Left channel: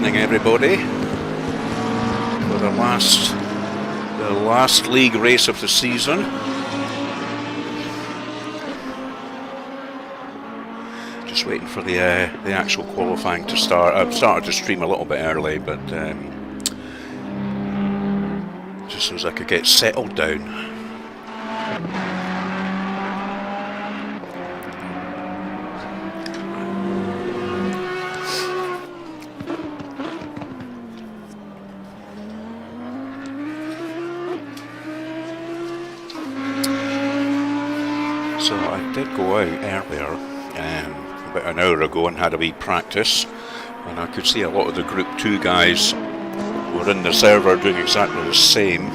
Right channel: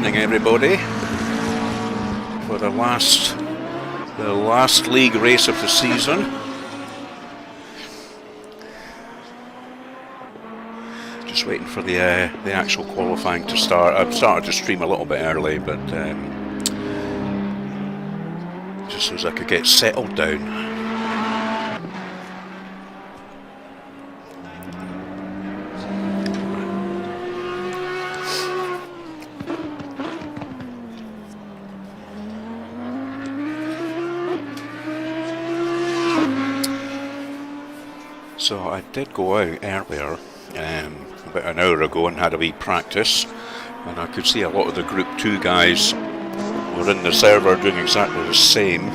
evening, everybody, for the last league race of the season. Just waiting for the actual qualifying to start. I've started to stream a little bit early, but just so as I could get settled down. So I did go out earlier, about an hour ago, and had a wee practice, and I could see a lot of the Group 2 guys were in the server doing exactly the same,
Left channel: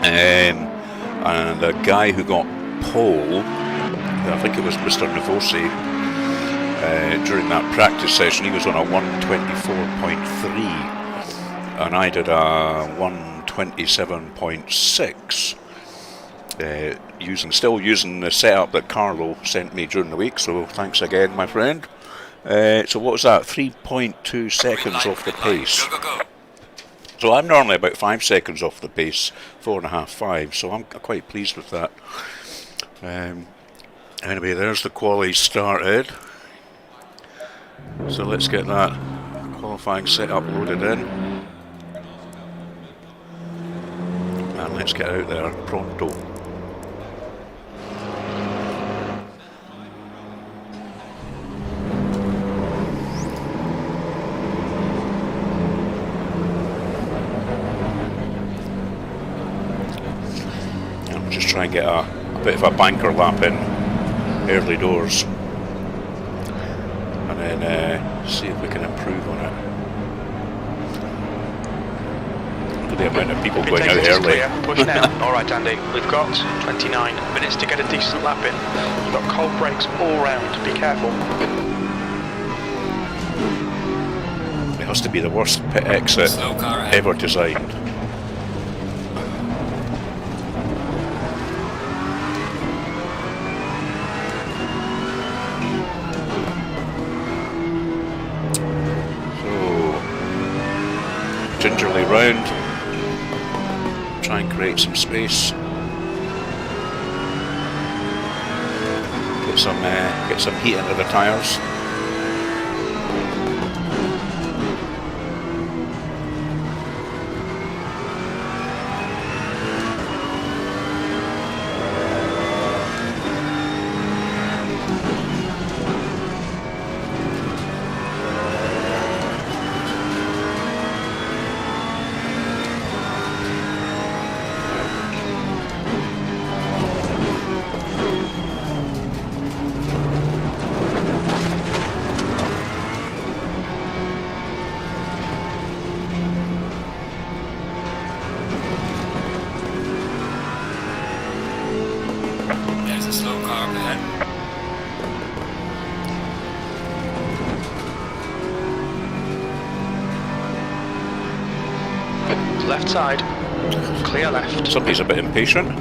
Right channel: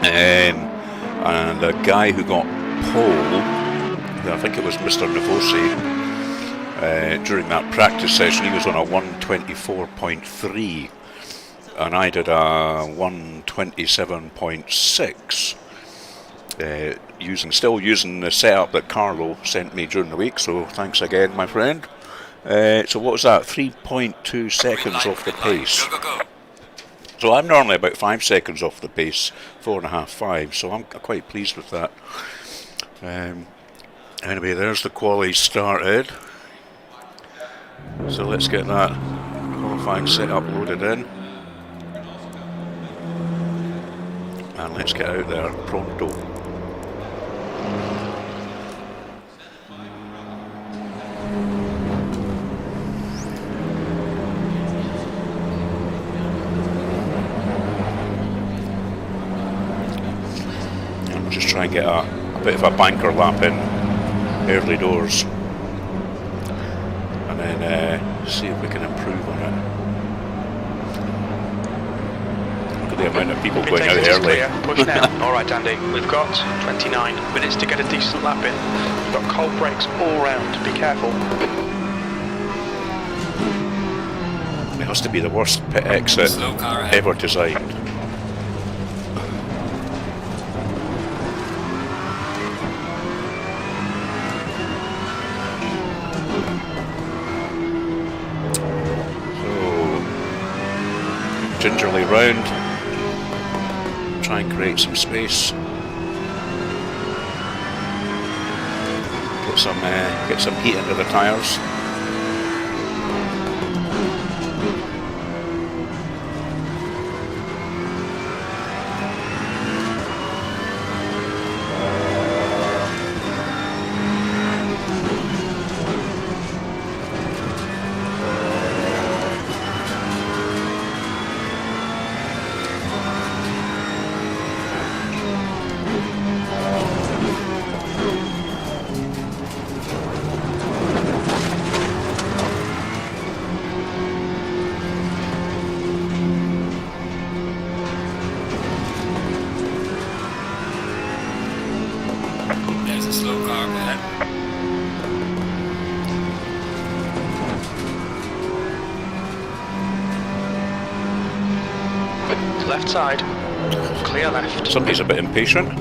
and the guy who got pole, I think it was Mr. Navosi, during that practice session, he was on a 124.3, and I did a 127.6. Still using the setup that Carlo sent me during the week, so thanks again, my friend. So what was that? 3.2 seconds off the pace. Go. So I'm normally about 5 seconds off the pace, 4.5, 5, so I'm quite pleased with that. Anyway, there's the quali started. So let's get that qualifying setup loaded in. And let's get out there pronto. Just try and get a bit of a banker lap in early doors, and then see if we can improve on it. Look at the amount of people going out early. Push now. Alright Andy, we've got 29 minutes to get a decent lap in. We've got cold brakes all round, be careful. It has to be the worst pit exit ever designed. Gingerly round, try and create some space, get some heat into the tyres. Left side, clear left. Somebody's a bit impatient.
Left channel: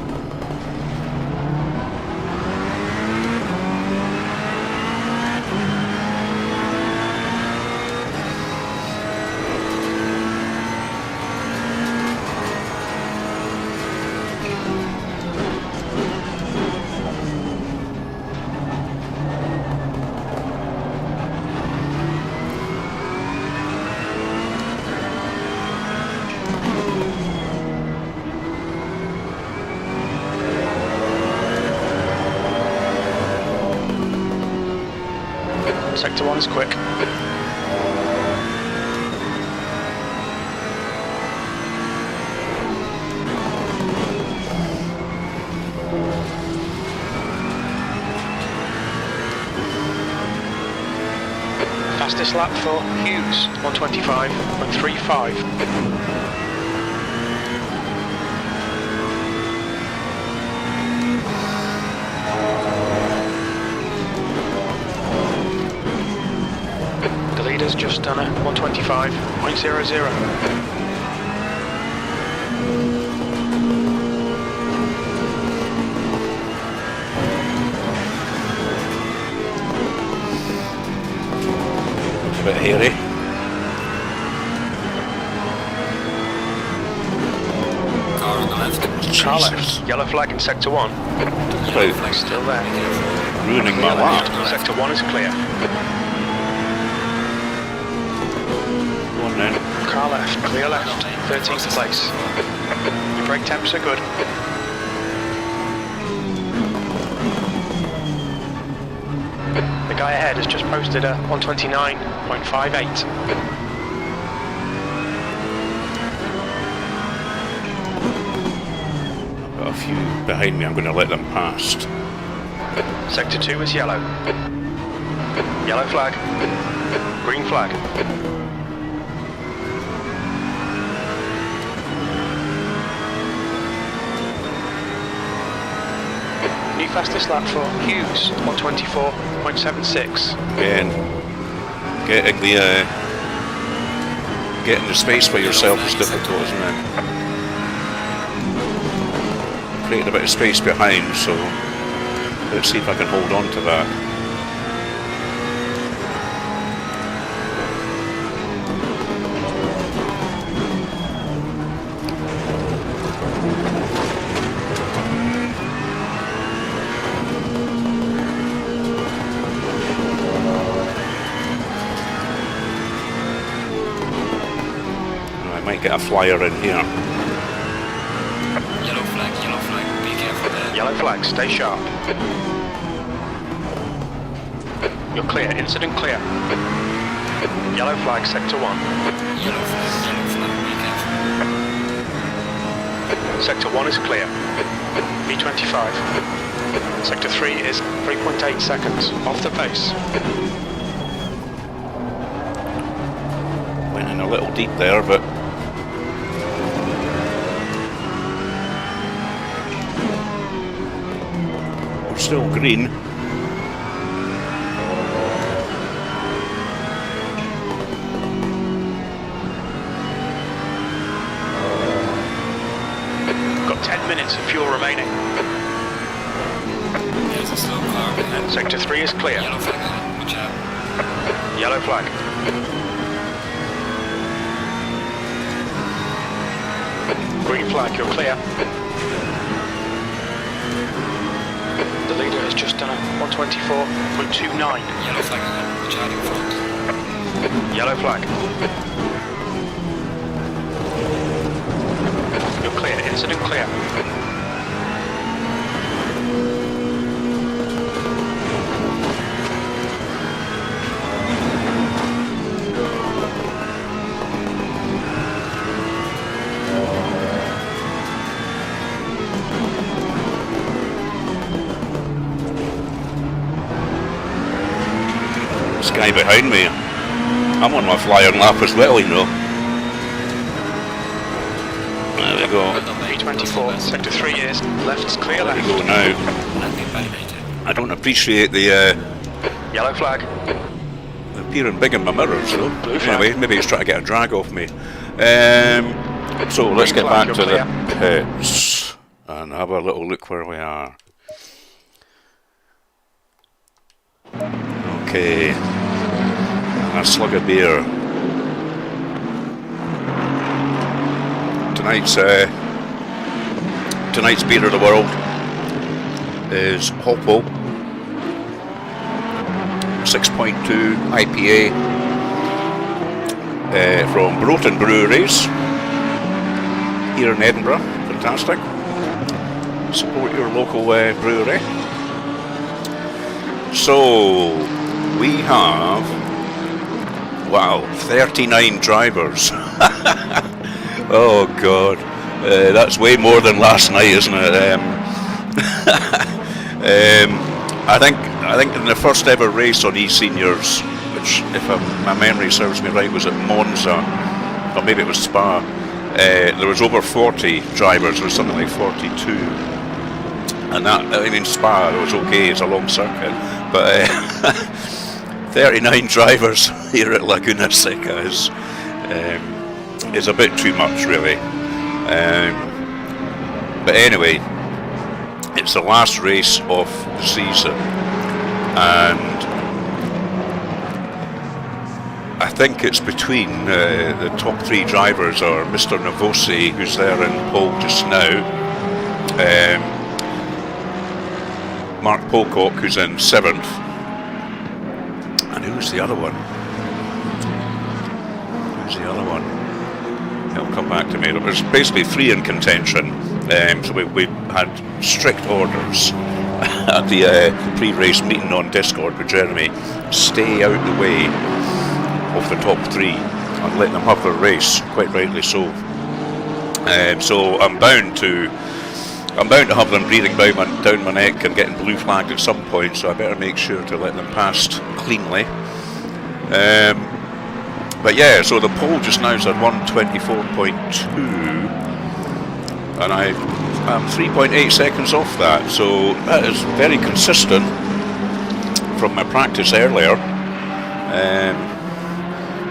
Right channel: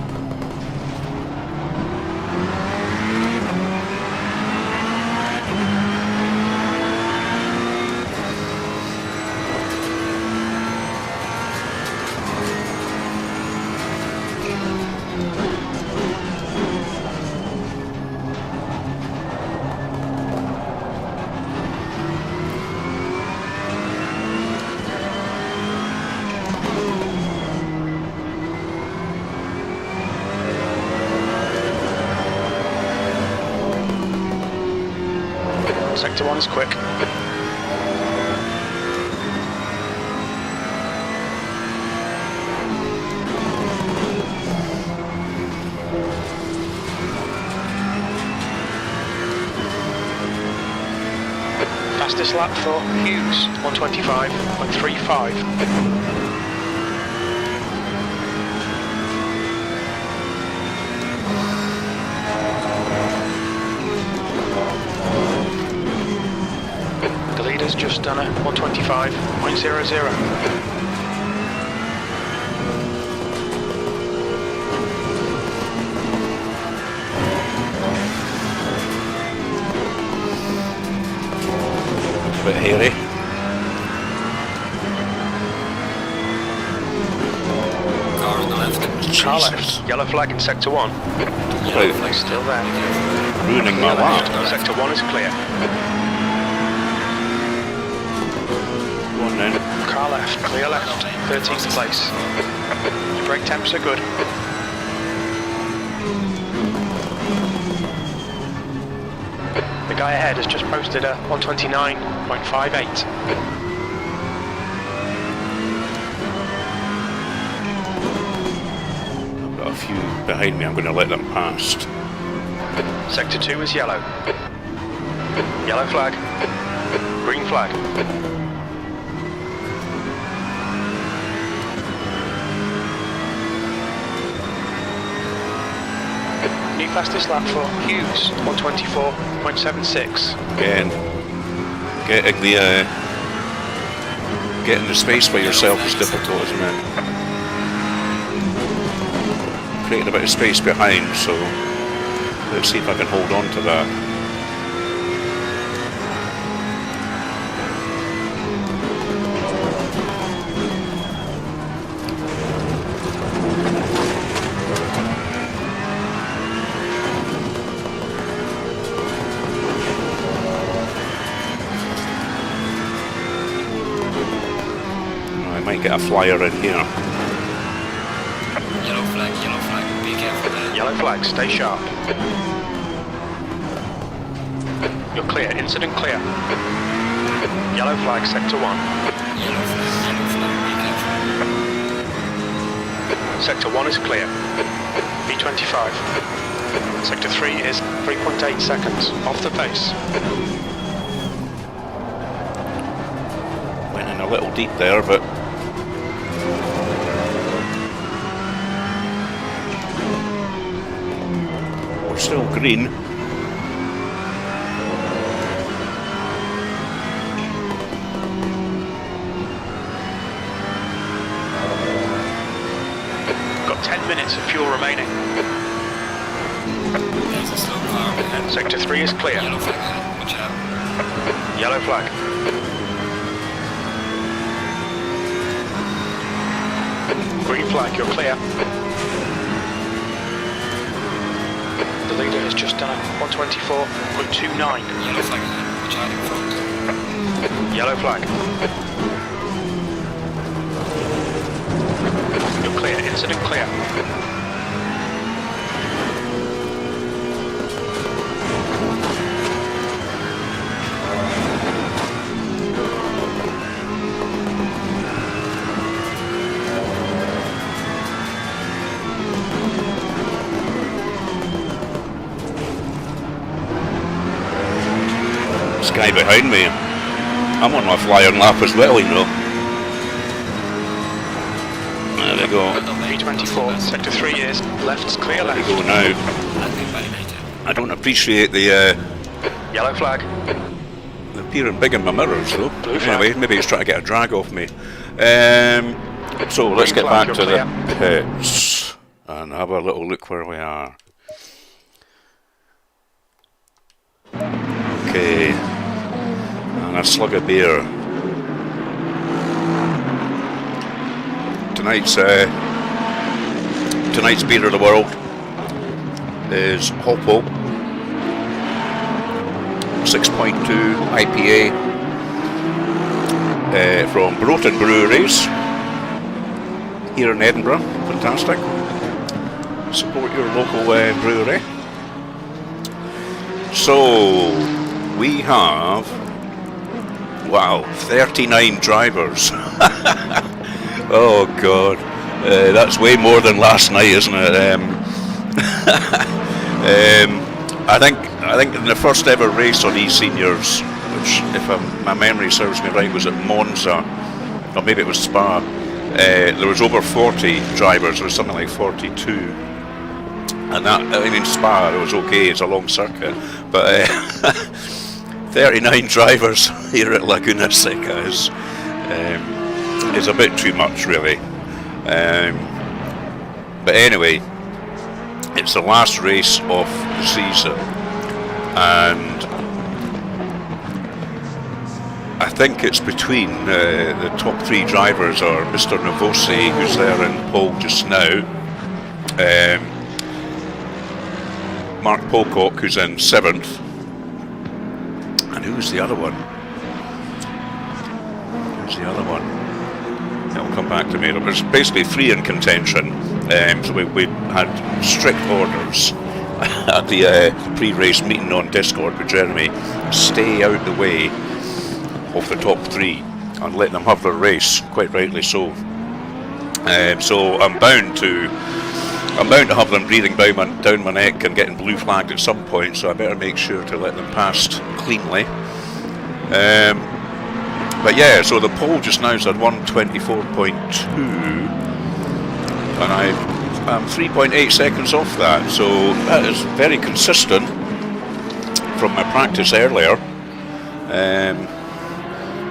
Sector 1 is quick. Fastest lap for Hughes, 125.35. The leader's just done a 125.00. A bit hairy. Car Jesus. left, yellow flag in sector 1. Yellow Flag still there. Ruining my Clear left. lap. Sector 1 is clear. Go on then. Car left, clear left, 13th place. Your brake temps are good. The guy ahead has just posted a 129.58. I've got a few behind me, I'm going to let them past. Sector 2 is yellow. Yellow flag. Green flag. New fastest lap for Hughes, 124.76. Again, getting the space for yourself is difficult, isn't it? Creating a bit of space behind, so let's see if I can hold on to that. I might get a flyer in here. Yellow flag, be careful there. Yellow flag, stay sharp. You're clear, incident clear. Yellow flag, sector 1. Yellow flag, be careful. Sector 1 is clear. B25. Sector 3 is 3.8 seconds, off the pace. Went in a little deep there, but we're still green. Got 10 minutes of fuel remaining. There's a slow car ahead. Sector 3 is clear. Yellow flag ahead, watch out. Yellow flag. Green flag, you're clear. The leader has just done a 124.29. Yellow flag ahead, watch out in front. Yellow flag. You're clear, incident clear. This guy behind me, I'm on my flyer lap as well, you know. There we go. B24, sector 3 is left's clear There we left. go now. Landing validated. I don't appreciate the Yellow flag. appearing big in my mirrors though. Blue flag. Anyway, maybe he's trying to get a drag off me. So let's Green get flag, back to you're the pits and have a little look where we are. Okay, and a slug of beer. Tonight's beer of the world is Hoppo 6.2 IPA from Broughton Breweries here in Edinburgh. Fantastic. Support your local brewery. So we have, wow, 39 drivers. Oh God, that's way more than last night, isn't it? I think in the first ever race on eSENIORs, which, if my memory serves me right, was at Monza, or maybe it was Spa. There was over 40 drivers. There was something like 42. And that, I mean, Spa, it was okay, it's a long circuit, but 39 drivers here at Laguna Seca is a bit too much, really. But anyway, it's the last race of the season, and I think it's between the top three drivers are Mr. Novosi, who's there in pole just now, Mark Pocock, who's in 7th. And who's the other one? It'll come back to me. There's basically 3 in contention. So we had strict orders at the pre-race meeting on Discord with Jeremy. Stay out the way of the top 3 and let them have their race. Quite rightly so. So I'm bound to have them breathing down my neck and getting blue flagged at some point. So I better make sure to let them pass cleanly. But yeah, so the pole just now is at 1:24.2, and I'm 3.8 seconds off that. So that is very consistent from my practice earlier.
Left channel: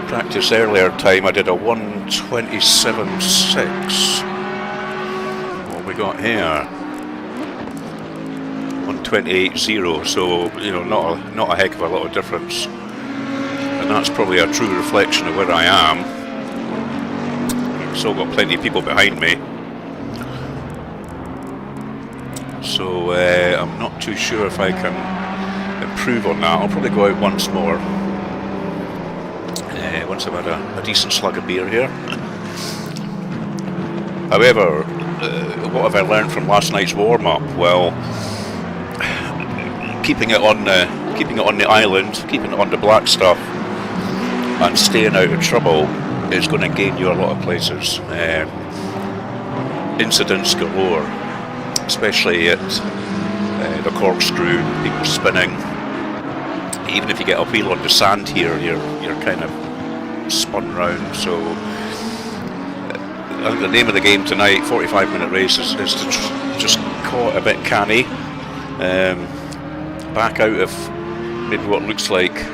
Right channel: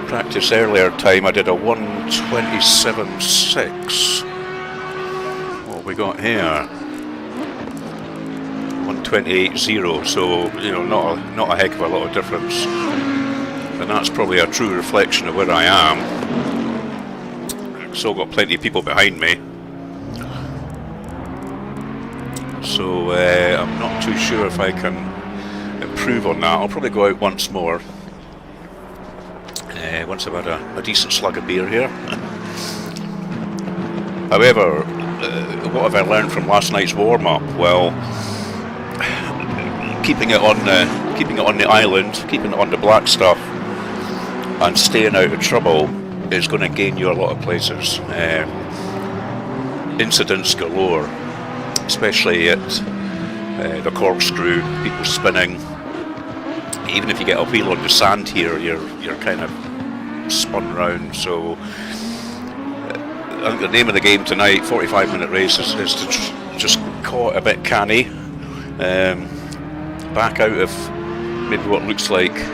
Practice earlier time I did a 1:27.6. What have we got here? 1:28.0. So not a heck of a lot of difference. And that's probably a true reflection of where I am. I've still got plenty of people behind me. So I'm not too sure if I can improve on that. I'll probably go out once more. Once I've had a decent slug of beer here. However, what have I learned from last night's warm-up? Well, keeping it on the island, keeping it on the black stuff, and staying out of trouble is going to gain you a lot of places. Incidents galore, especially at the corkscrew, people spinning. Even if you get a wheel on the sand here, you're kind of spun round. So I think the name of the game tonight, 45-minute race, is to just caught a bit canny, back out of maybe what looks like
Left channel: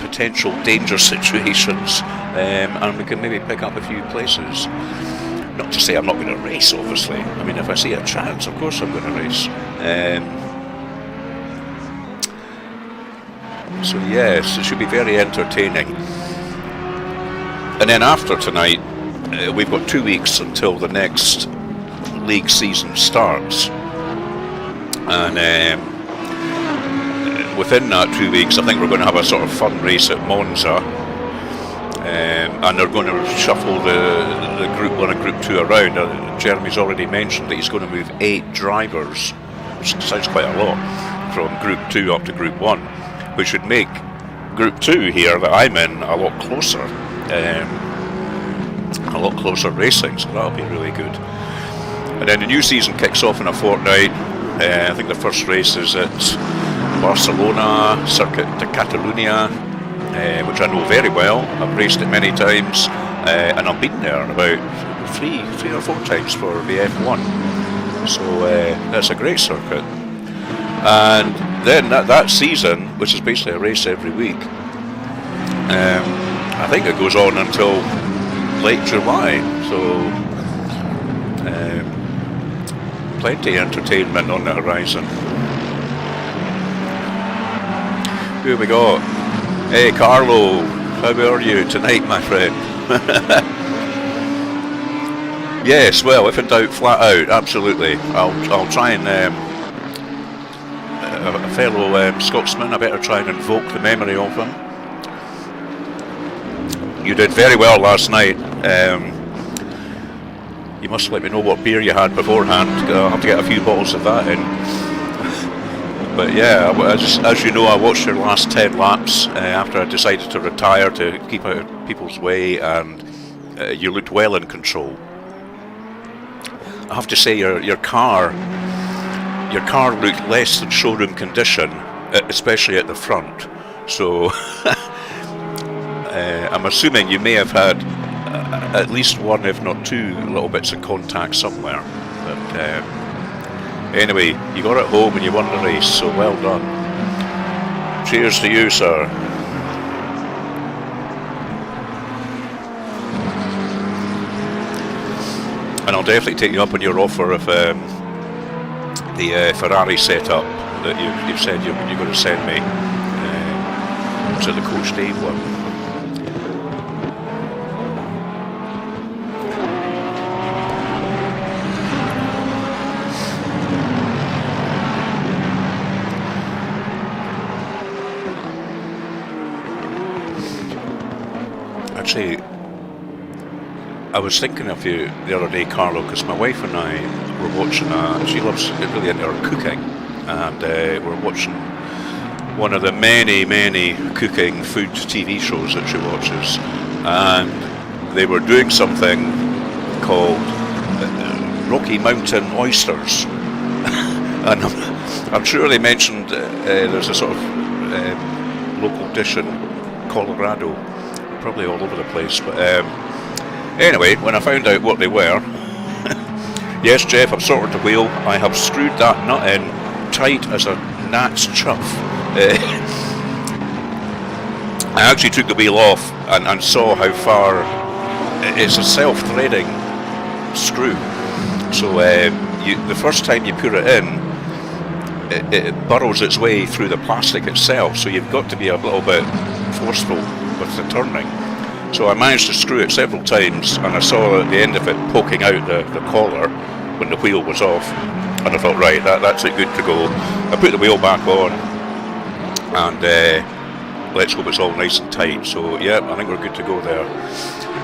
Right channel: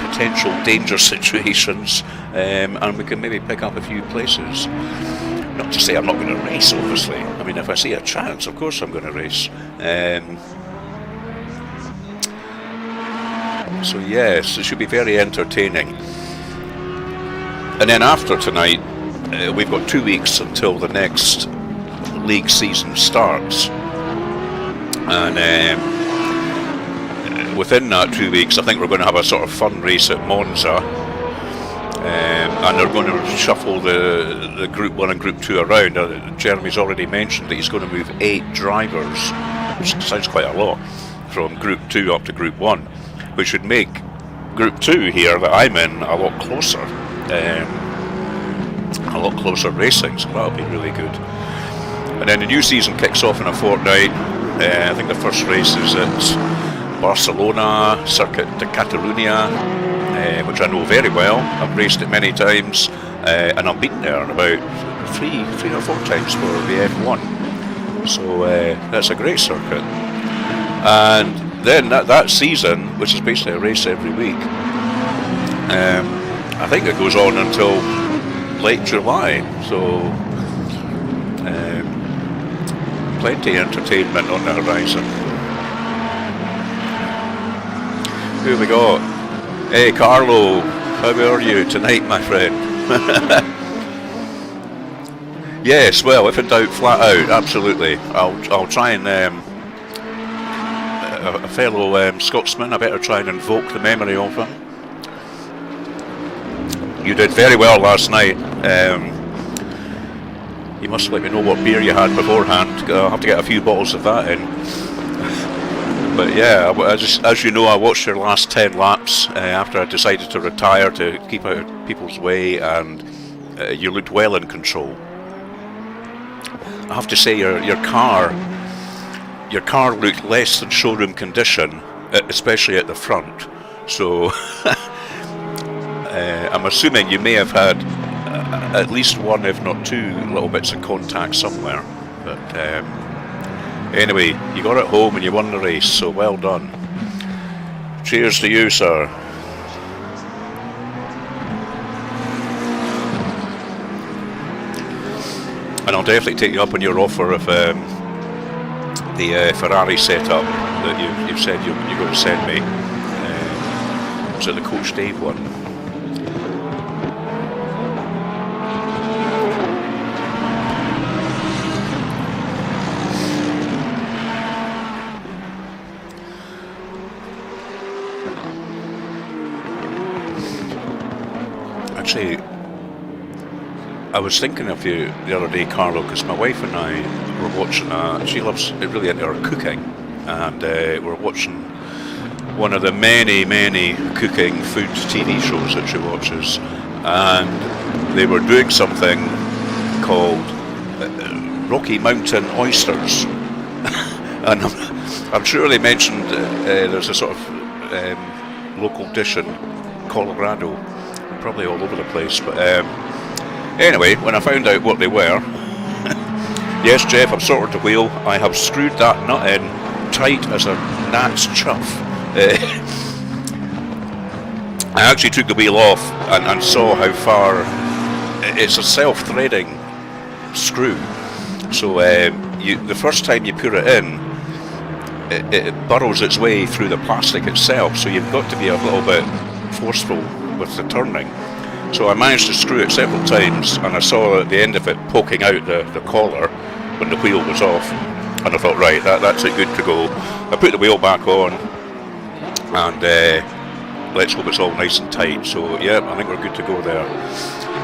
potential danger situations, and we can maybe pick up a few places. Not to say I'm not going to race, obviously. I mean, if I see a chance, of course I'm going to race. So yes, it should be very entertaining. And then after tonight, we've got 2 weeks until the next league season starts. And within that 2 weeks, I think we're going to have a sort of fun race at Monza, and they're going to shuffle the Group 1 and Group 2 around. Jeremy's already mentioned that he's going to move 8 drivers, which sounds quite a lot, from Group 2 up to Group 1, which would make Group 2 here that I'm in a lot closer racing, so that'll be really good. And then the new season kicks off in a fortnight. I think the first race is at Barcelona, Circuit de Catalunya, which I know very well. I've raced it many times, and I've been there about three or four times for the F1. So that's a great circuit. And then that season, which is basically a race every week, I think it goes on until late July. So plenty of entertainment on the horizon. Who have we got? Hey Carlo, how are you tonight, my friend? Yes, well, if in doubt, flat out, absolutely. I'll try and a fellow Scotsman, I better try and invoke the memory of him. You did very well last night. You must let me know what beer you had beforehand. I'll have to get a few bottles of that in. But yeah, as you know, I watched your last 10 laps after I decided to retire to keep out of people's way, and you looked well in control. I have to say, your car looked less than showroom condition, especially at the front. So I'm assuming you may have had at least one, if not two, little bits of contact somewhere. But anyway, you got it home and you won the race, so well done. Cheers to you, sir. And I'll definitely take you up on your offer of the Ferrari setup that you've said you're going to send me. Was it the Coach Dave one? Actually, I was thinking of you the other day, Carlo, because my wife and I were watching, she loves really into her cooking, and we're watching one of the many cooking food TV shows that she watches, and they were doing something called Rocky Mountain oysters. And I'm sure they mentioned there's a sort of local dish in Colorado, and probably all over the place, but anyway, when I found out what they were, yes, Jeff, I've sorted the wheel. I have screwed that nut in tight as a gnat's chuff. I actually took the wheel off and saw how far. It's a self-threading screw, so the first time you put it in, it burrows its way through the plastic itself, so you've got to be a little bit forceful with the turning. So I managed to screw it several times, and I saw at the end of it poking out the collar when the wheel was off, and I thought, right, that's it, good to go. I put the wheel back on, and let's hope it's all nice and tight. So yeah, I think we're good to go there.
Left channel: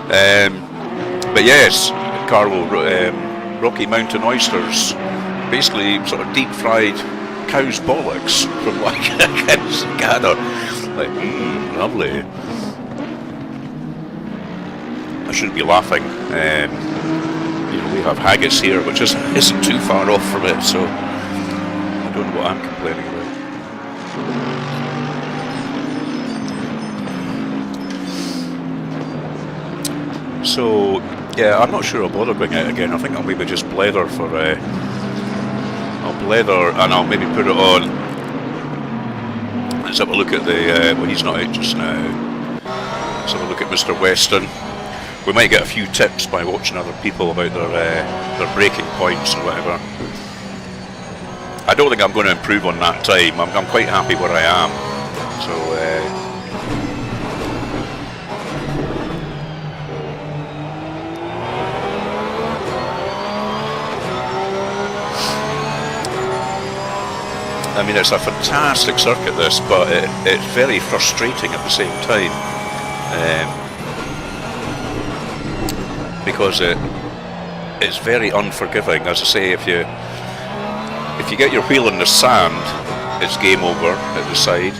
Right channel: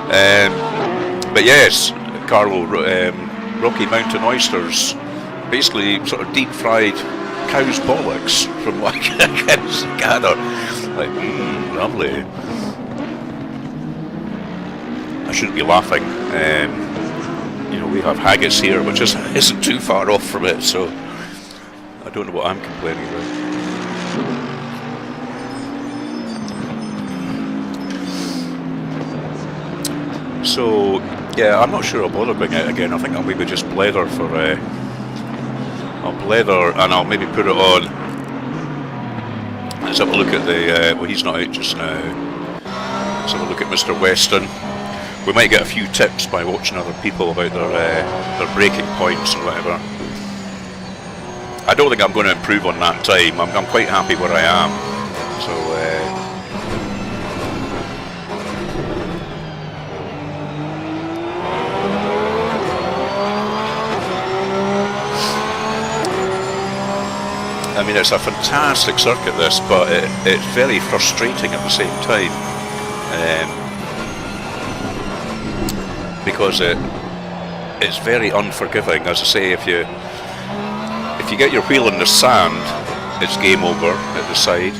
But yes, Carlo, Rocky Mountain oysters, basically sort of deep fried cow's bollocks, from what I can gather. Like, lovely. I shouldn't be laughing. You know, we have haggis here, which isn't too far off from it, so I don't know what I'm complaining about. So, yeah, I'm not sure I'll bother going out again. I think I'll maybe just blether for... I'll blether and I'll maybe put it on. Let's have a look at the... well, he's not out just now. Let's have a look at Mr. Weston. We might get a few tips by watching other people about their braking points and whatever. I don't think I'm going to improve on that time. I'm quite happy where I am. So... I mean, it's a fantastic circuit, this, but it's very frustrating at the same time, because it's very unforgiving. As I say, if you get your wheel in the sand, it's game over at the side.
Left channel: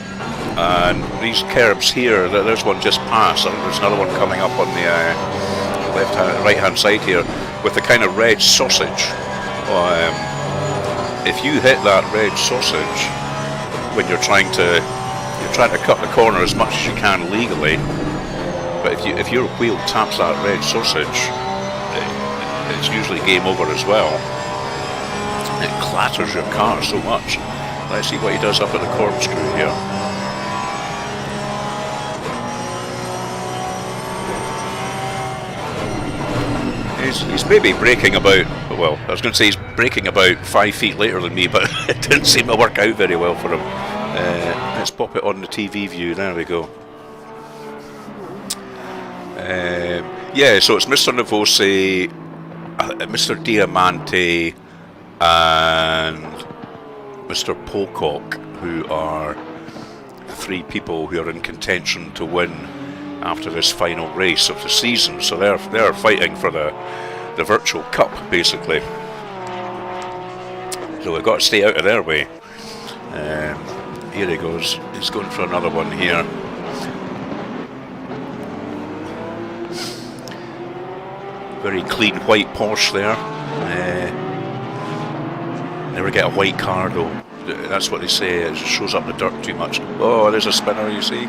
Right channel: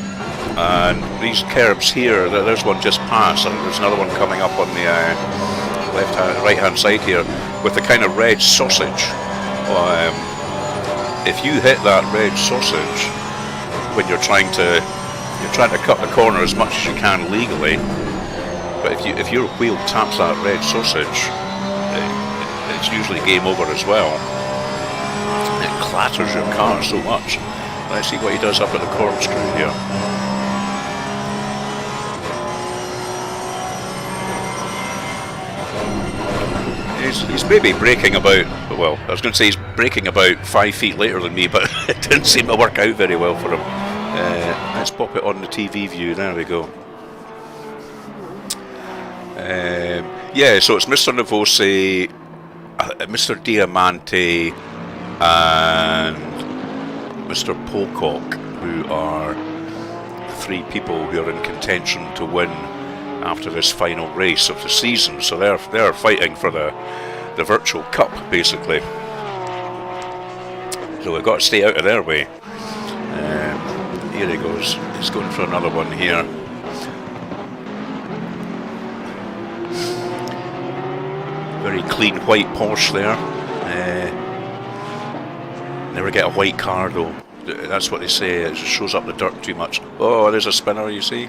And these curbs here, there's one just past. I think there's another one coming up on the right-hand side here with the kind of red sausage. If you hit that red sausage when you're trying to cut the corner as much as you can legally, but if your wheel taps that red sausage, it's usually game over as well. It clatters your car so much. Let's see what he does up at the corkscrew here. He's maybe braking about, well, I was going to say he's braking about 5 feet later than me, but it didn't seem to work out very well for him. Let's pop it on the TV view, there we go. Yeah, so it's Mr. Navosi, Mr. Diamante, and Mr. Pocock, who are the three people who are in contention to win after this final race of the season. So they're fighting for the virtual cup, basically. So we've got to stay out of their way. Here he goes. He's going for another one here. Very clean white Porsche there. Never get a white car though. That's what they say. It shows up the dirt too much. Oh, there's a spinner, you see.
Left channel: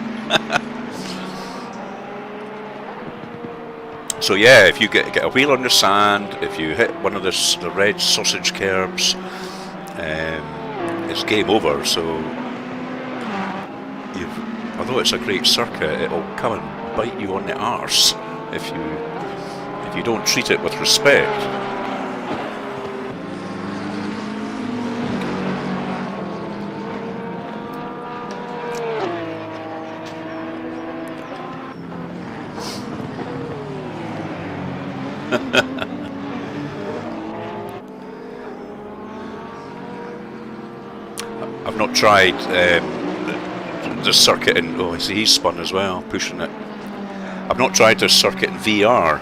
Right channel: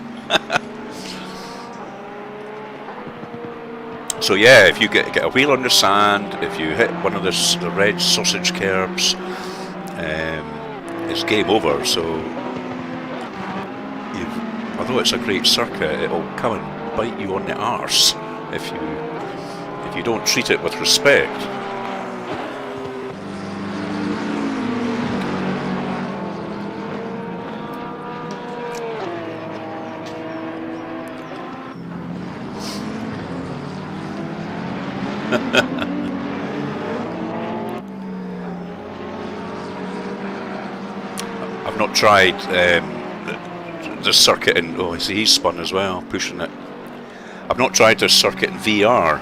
So yeah, if you get a wheel on the sand, if you hit one of the red sausage curbs, it's game over. So although it's a great circuit, it'll come and bite you on the arse if you don't treat it with respect. I've not tried the circuit in... Oh, I see he's spun as well, pushing it. I've not tried this circuit in VR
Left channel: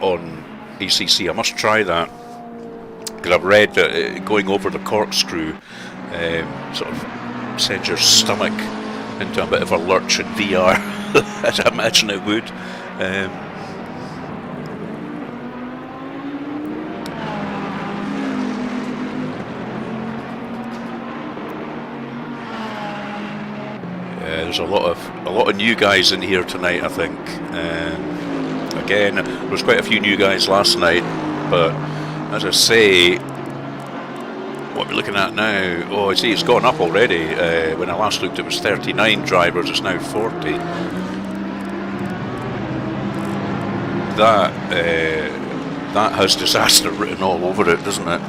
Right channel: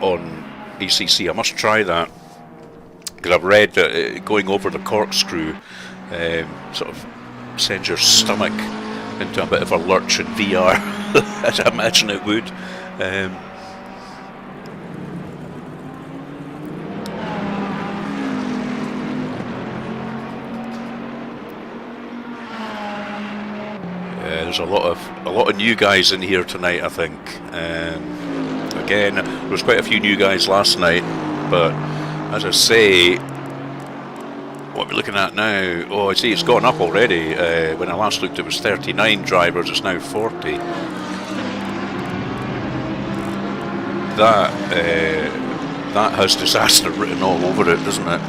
on ACC. I must try that, because I've read that going over the corkscrew sort of sends your stomach into a bit of a lurch in VR, as I imagine it would. There's a lot of new guys in here tonight, I think. Again, there was quite a few new guys last night, but as I say, what we're looking at now, oh, I see it's gone up already. When I last looked, it was 39 drivers. It's now 40. That has disaster written all over it, doesn't it?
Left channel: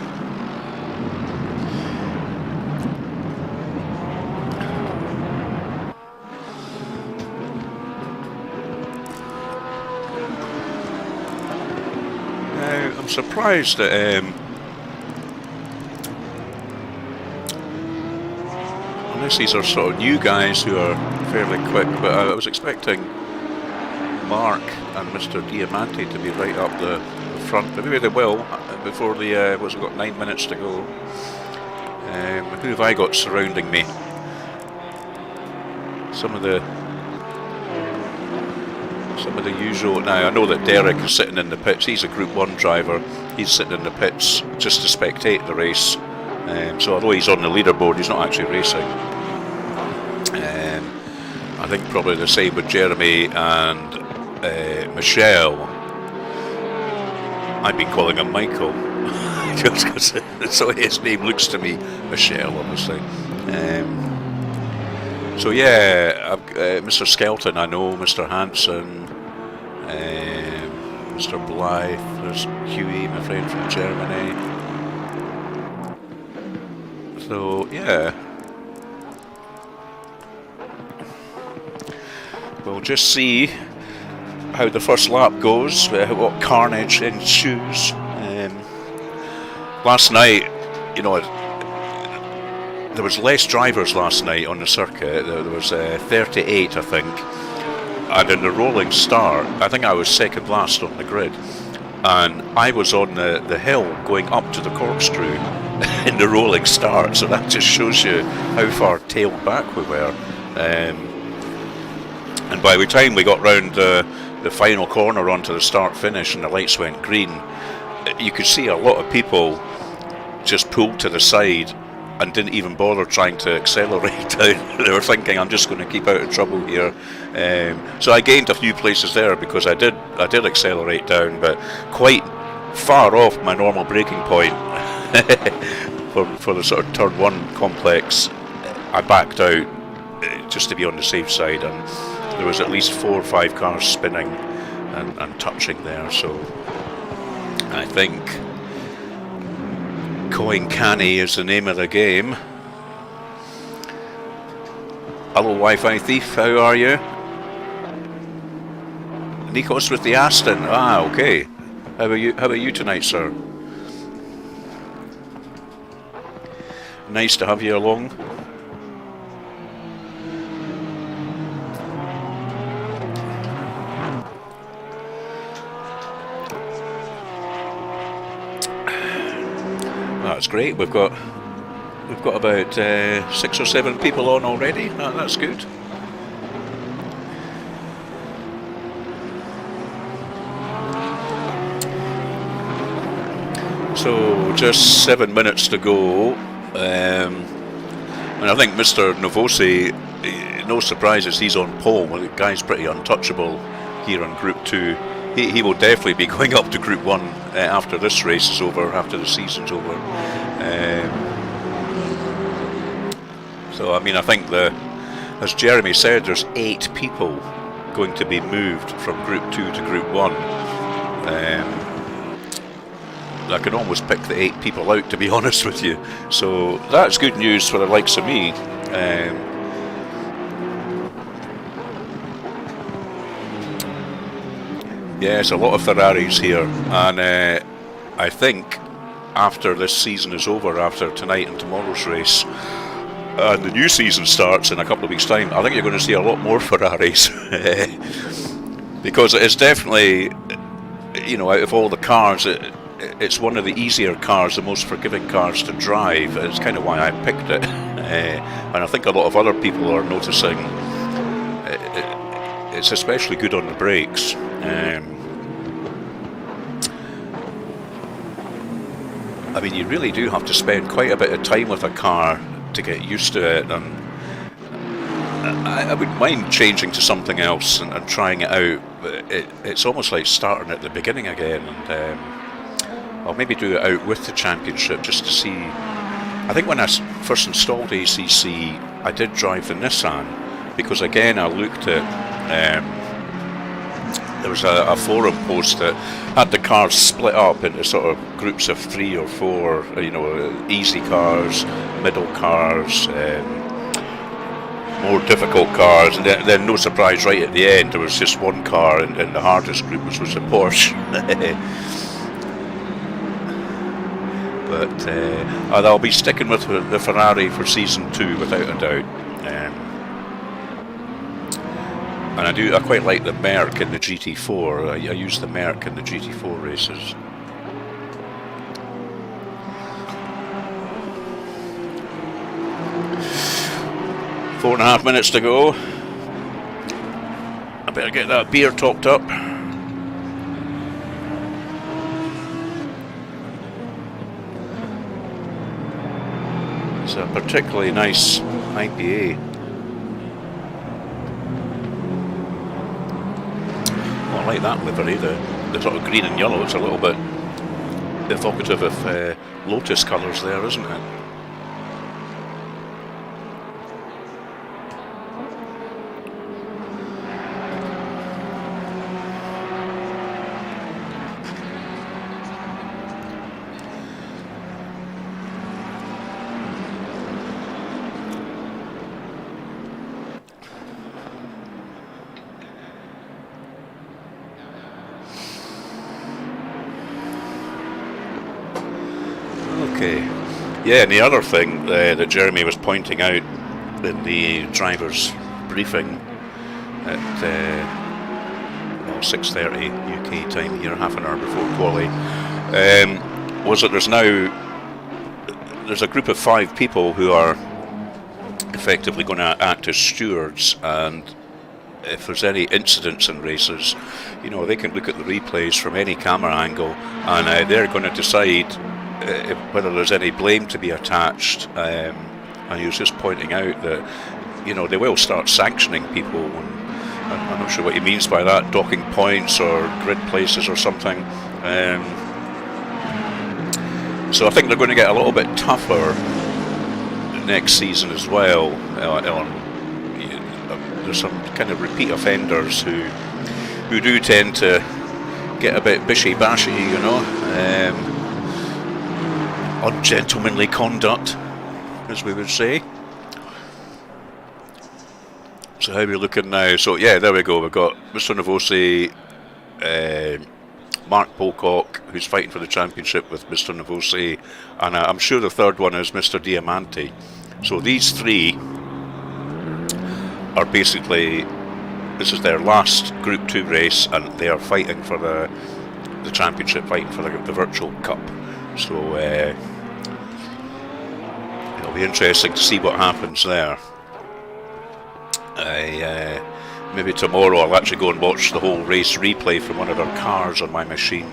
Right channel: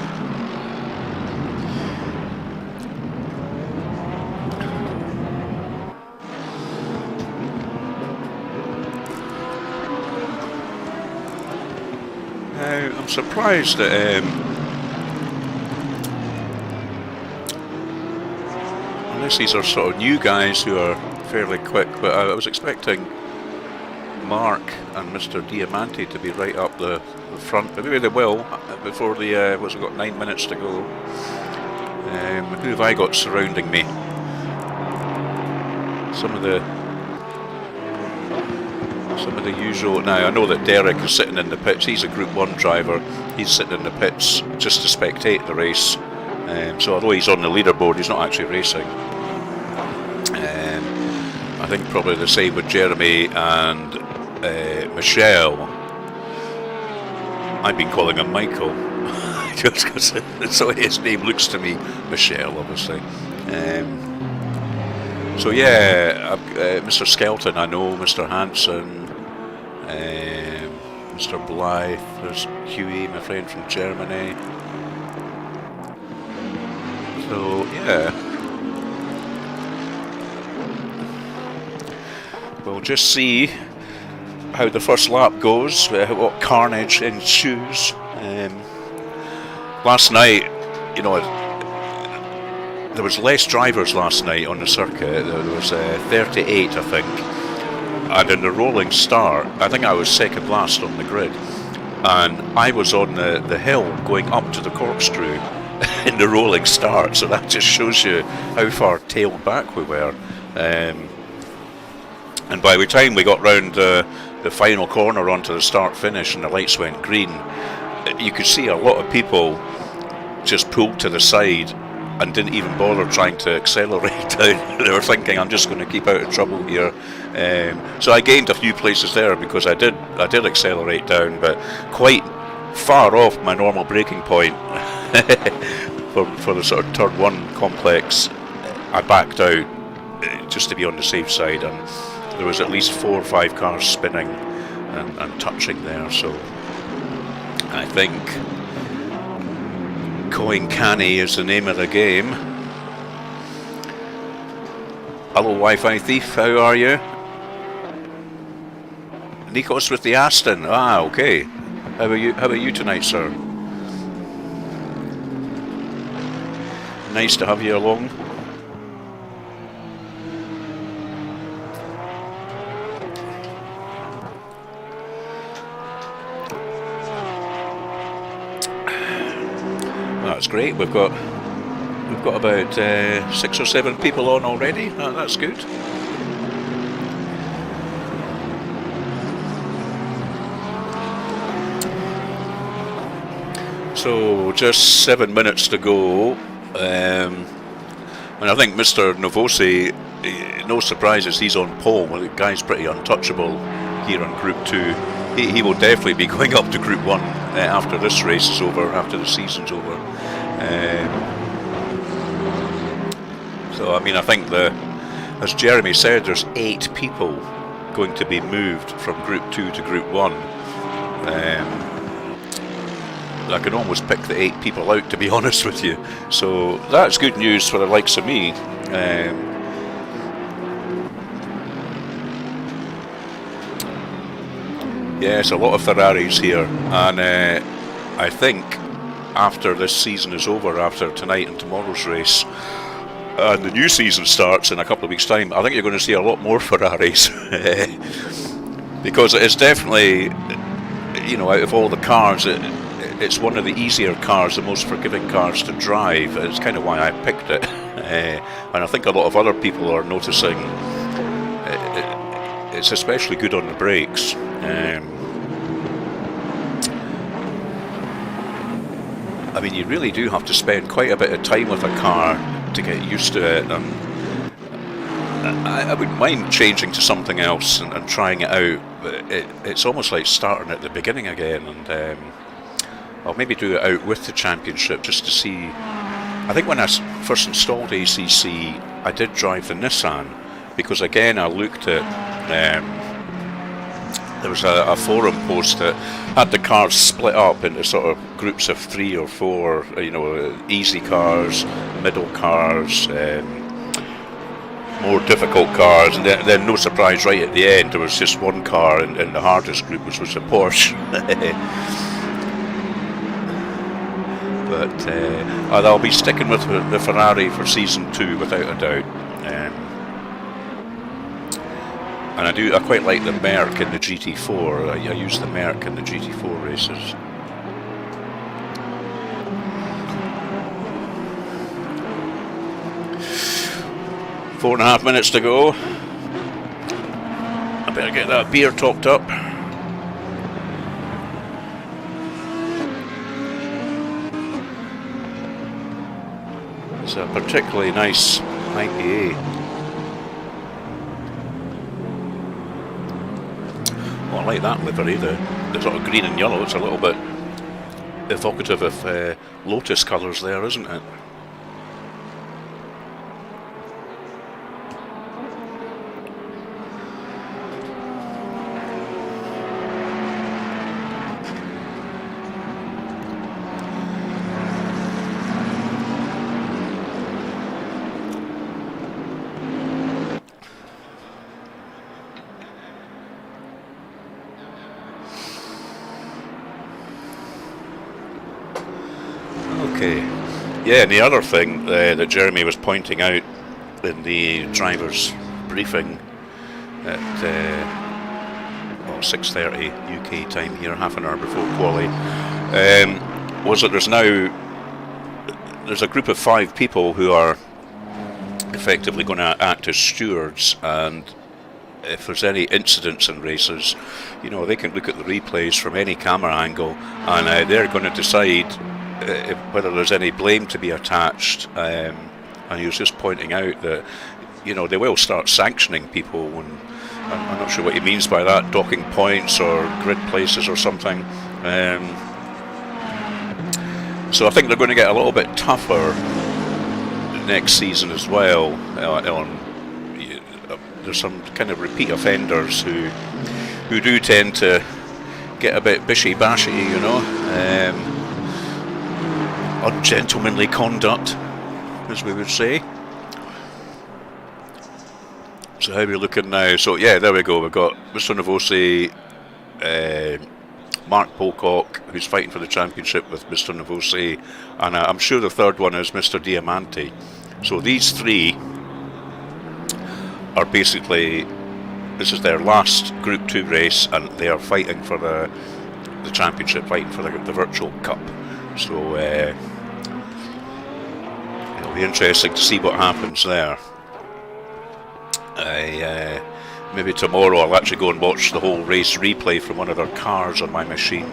Now, I'm surprised that unless these are sort of new guys who are fairly quick, but I was expecting Mark and Mr. Diamante to be right up the front. Maybe they will before the we've got 9 minutes to go. Who have I got surrounding me? Some of the usual. Now I know that Derek is sitting in the pits. He's a Group 1 driver. He's sitting in the pits just to spectate the race. So although he's on the leaderboard, he's not actually racing. I think probably the same with Jeremy and Michelle. I've been calling him Michael just because so his name looks to me Michelle, obviously. So yeah, Mr. Skelton, I know, Mr. Hansen, Mr. Blythe, there's Huey, my friend from Germany. So yeah, we'll just see how the first lap goes, what carnage ensues. Last night, you know, there was less drivers last night on the circuit. There was 38, I think, and in the rolling start, I think I was second last on the grid, and I was on the hill going up to the corkscrew in the rolling start, so that just shows you how far tailed back we were. And by the time we got round the final corner onto the start finish and the lights went green, you could see a lot of people just pulled to the side and didn't even bother trying to accelerate down. They were thinking, I'm just going to keep out of trouble here. So I gained a few places there because I did accelerate down, but quite far off my normal braking point. for the sort of turn 1 complex, I backed out just to be on the safe side, and there was at least 4 or 5 cars spinning and touching there. So I think Coin Canny is the name of the game. Hello, Wi-Fi thief, how are you? Nikos with the Aston. Ah, okay. How about you tonight, sir? Nice to have you along. Well, that's great. We've got about 6 or 7 people on already. That's good. So just 7 minutes to go, and I think Mr. Novosi, no surprises, he's on pole. Well, the guy's pretty untouchable here on Group 2. He will definitely be going up to Group 1 after this race is over, after the season's over. So I mean, I think as Jeremy said, there's 8 people going to be moved from Group 2 to Group 1. I can almost pick the 8 people out, to be honest with you. So that's good news for the likes of me. Yes, a lot of Ferraris here, and I think after this season is over, after tonight and tomorrow's race, and the new season starts in a couple of weeks' time, I think you're going to see a lot more Ferraris. because it's definitely, you know, out of all the cars, it's one of the easier cars, the most forgiving cars to drive. It's kind of why I picked it. And I think a lot of other people are noticing it's especially good on the brakes. I mean, you really do have to spend quite a bit of time with a car to get used to it, and I wouldn't mind changing to something else and trying it out, but it's almost like starting at the beginning again, and I'll maybe do it out with the championship just to see. I think when I first installed ACC, I did drive the Nissan, because again I looked at there was a forum post that had the cars split up into sort of groups of 3 or 4, you know, easy cars, middle cars, more difficult cars, and then no surprise, right at the end there was just one car in the hardest group, which was a Porsche. But I'll be sticking with the Ferrari for season 2 without a doubt. And I quite like the Merc in the GT4. I use the Merc in the GT4 races. Four and a half minutes to go. I better get that beer topped up. It's a particularly nice IPA. Oh, I like that livery, the sort of green and yellow. It's a little bit evocative of Lotus colours there, isn't it? Okay, yeah, and the other thing that Jeremy was pointing out in the driver's briefing at 6:30 UK time here, half an hour before quali, was that there's a group of 5 people who are effectively going to act as stewards, and if there's any incidents in races, you know, they can look at the replays from any camera angle, and they're going to decide whether there's any blame to be attached. And he was just pointing out that, you know, they will start sanctioning people, and I'm not sure what he means by that, docking points or grid places or something. So I think they're going to get a little bit tougher next season as well. There's some kind of repeat offenders who do tend to get a bit bishy-bashy, you know. Ungentlemanly conduct, as we would say. So how are we looking now? So yeah, there we go. We've got Mr. Novosi, Mark Pocock, who's fighting for the championship with Mr. Novosi, and I'm sure the third one is Mr. Diamante. So these 3 are basically, this is their last Group 2 race, and they are fighting for the championship, fighting for the virtual cup. So it'll be interesting to see what happens there. Maybe tomorrow I'll actually go and watch the whole race replay from one of their cars on my machine,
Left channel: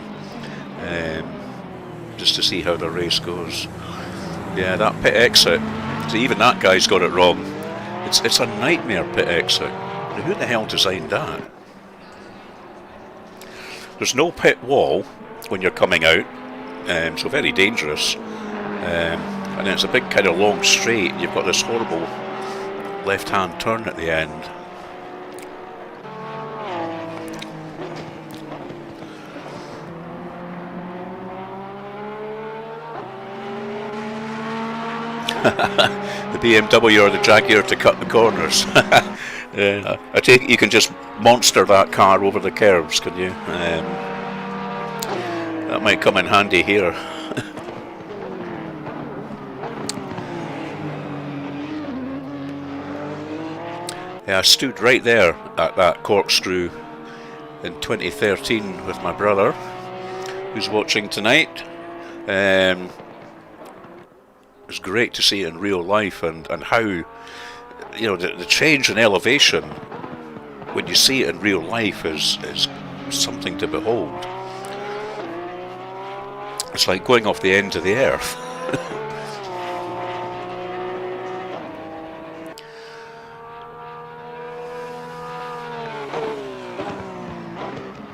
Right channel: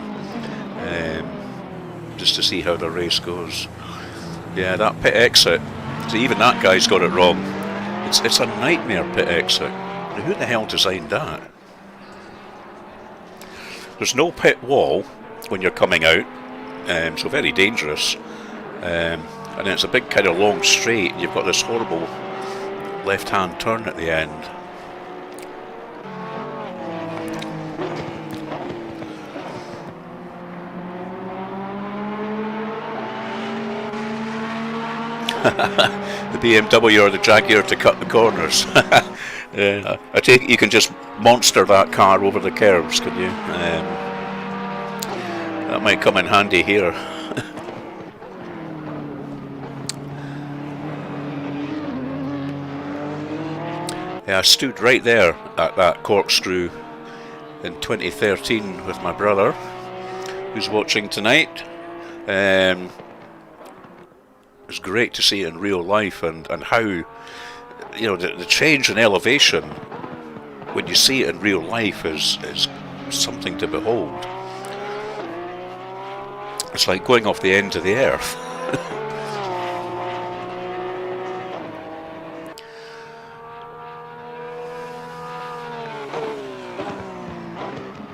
just to see how the race goes. Yeah, that pit exit, so even that guy's got it wrong. It's a nightmare pit exit. Who the hell designed that? There's no pit wall when you're coming out, so very dangerous. And then it's a big kind of long straight, and you've got this horrible left-hand turn at the end. The BMW or the Jaguar to cut the corners. I take it you can just monster that car over the curves, can you? That might come in handy here. Yeah, I stood right there at that corkscrew in 2013 with my brother, who's watching tonight. It was great to see it in real life, and how, you know, the change in elevation when you see it in real life is something to behold. It's like going off the end of the earth.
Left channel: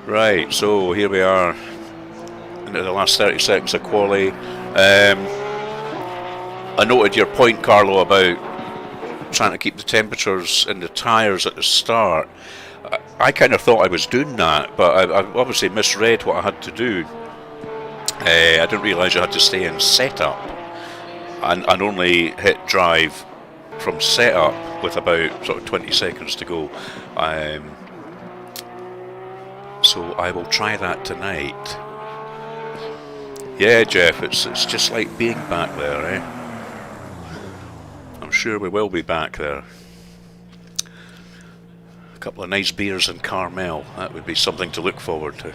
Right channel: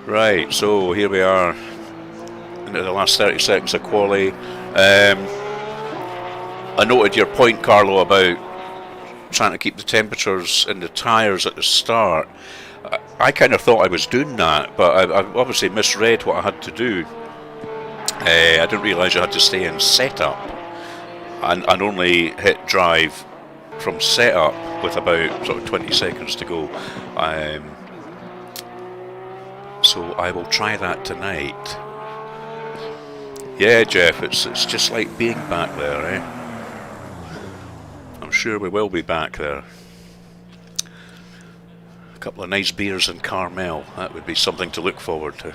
Right, so here we are into the last 30 seconds of quali. I noted your point, Carlo, about trying to keep the temperatures in the tyres at the start. I kind of thought I was doing that, but I obviously misread what I had to do. I didn't realise you had to stay in setup and only hit drive from setup with about sort of 20 seconds to go. So I will try that tonight. Yeah, Jeff, it's just like being back there, eh? I'm sure we will be back there. A couple of nice beers in Carmel, that would be something to look forward to.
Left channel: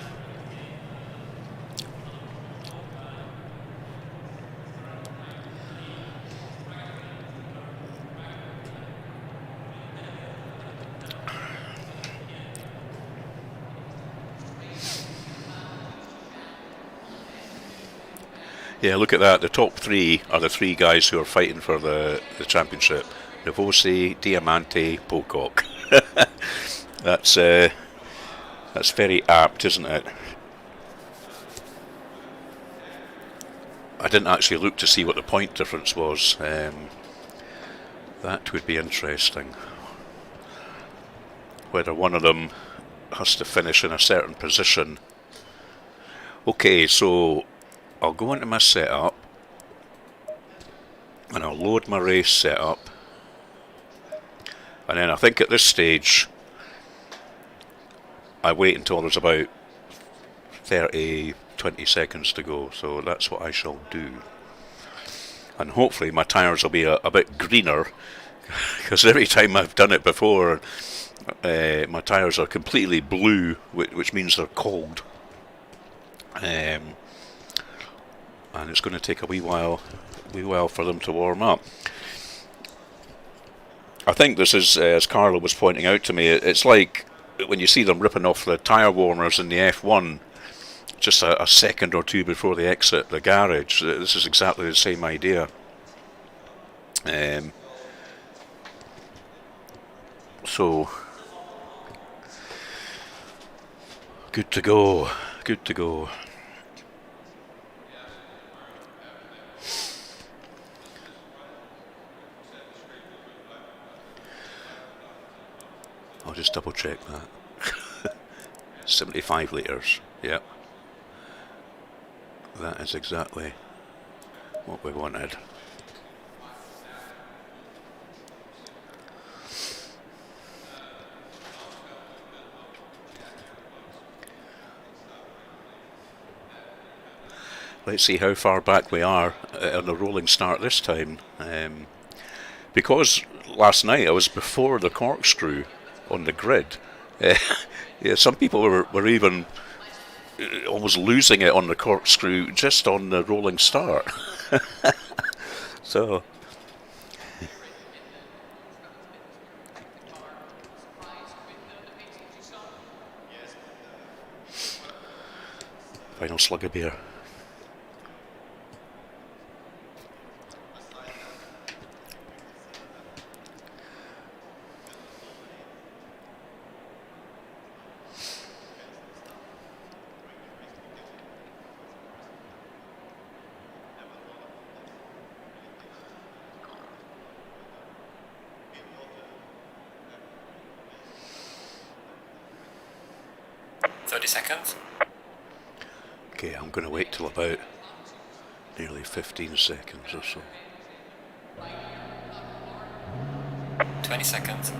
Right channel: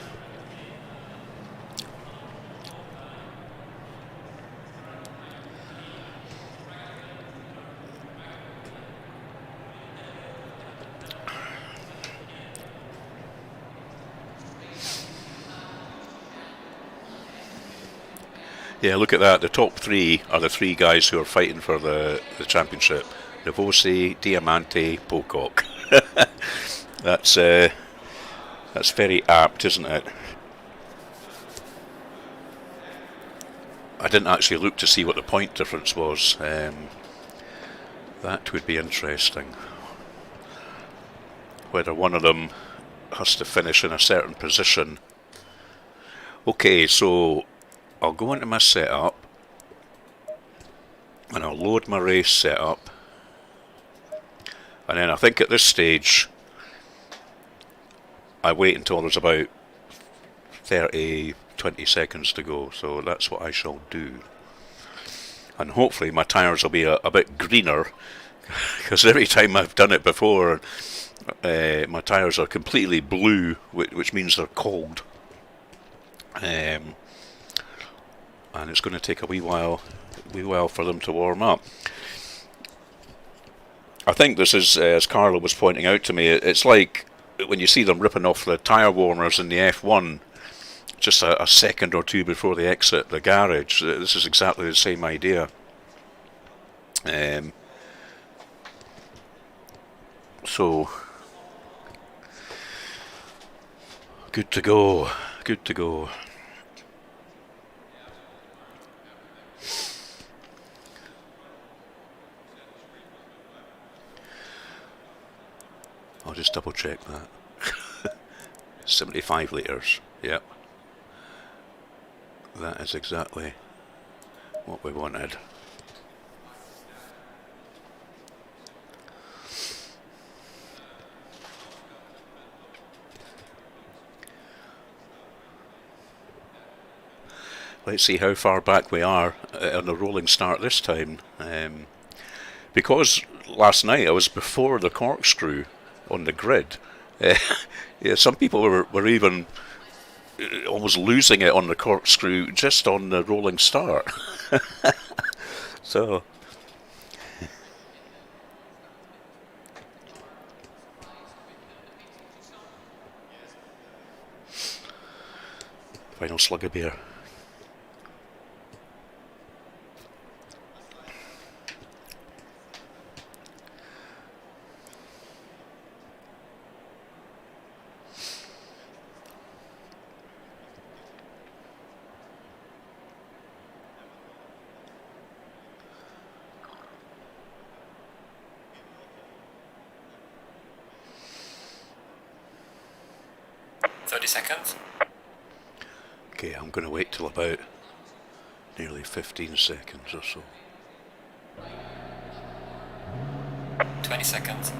Yeah, look at that. The top three are the three guys who are fighting for the championship. Novosi, Diamante, Pocock. That's very apt, isn't it? I didn't actually look to see what the point difference was. That would be interesting. Whether one of them has to finish in a certain position. Okay, so I'll go into my setup and I'll load my race setup, and then I think at this stage I wait until there's about 20 seconds to go, so that's what I shall do. And hopefully my tyres will be a bit greener, because every time I've done it before my tyres are completely blue, which means they're cold. And it's going to take a wee while for them to warm up. I think this is, as Carlo was pointing out to me, it's like when you see them ripping off the tyre warmers in the F1 just a second or two before they exit the garage. This is exactly the same idea. So, good to go, good to go. I'll just double check that. 75 litres, yep. That is exactly what we wanted. Let's see how far back we are on the rolling start this time. Because last night I was before the corkscrew on the grid. Yeah, some people were even almost losing it on the corkscrew just on the rolling start. So final slug of beer. Seconds. Okay, I'm going to wait till about nearly 15 seconds or so. 20 seconds.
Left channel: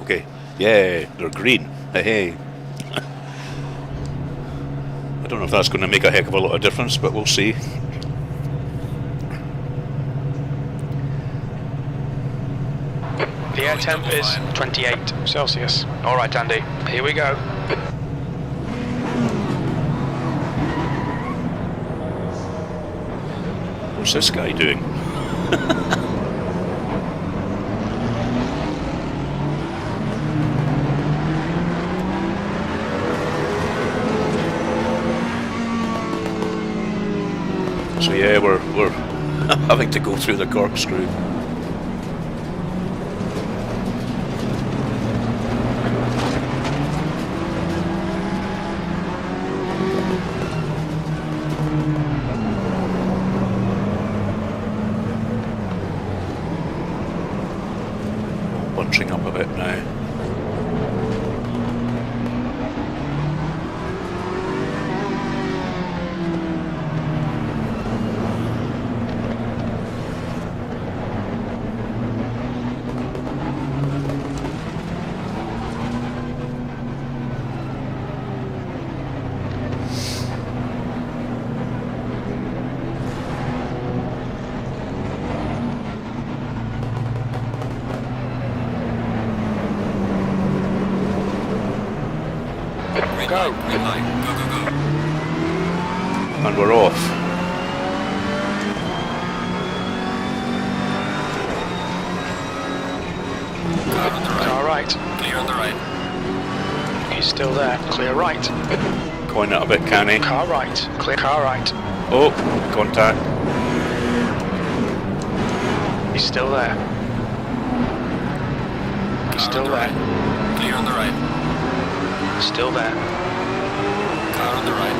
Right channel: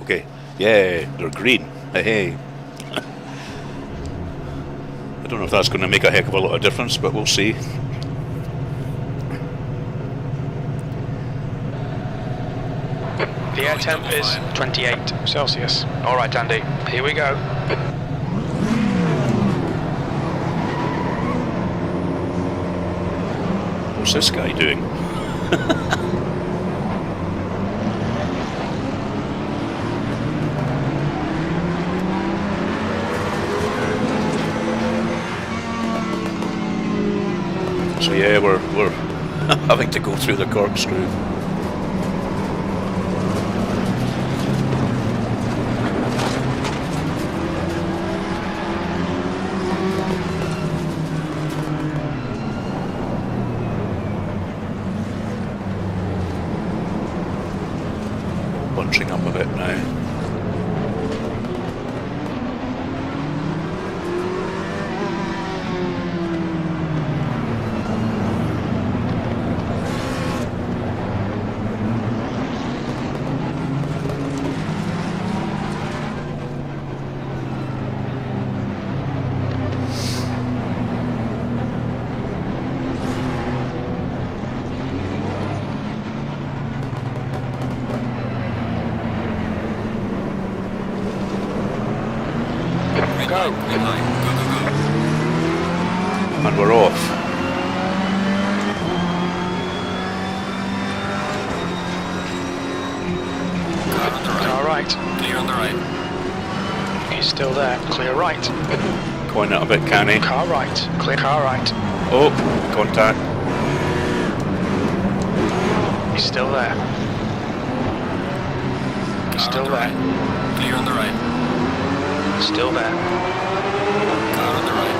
Okay, yeah, they're green. Hey. I don't know if that's going to make a heck of a lot of difference, but we'll see. The air temp is 28 Celsius. Alright Andy, here we go. What's this guy doing? So yeah, we're having to go through the corkscrew. Bunching up a bit now. Go. Green light. Go, go, go. And we're off. Car on the right. Car right. Clear on the right. He's still there. Clear right. Going it a bit canny. Car right. Clear car right. Oh, contact. He's still there. He's Car still on the there. right. Clear on the right. Still there. Car on the right.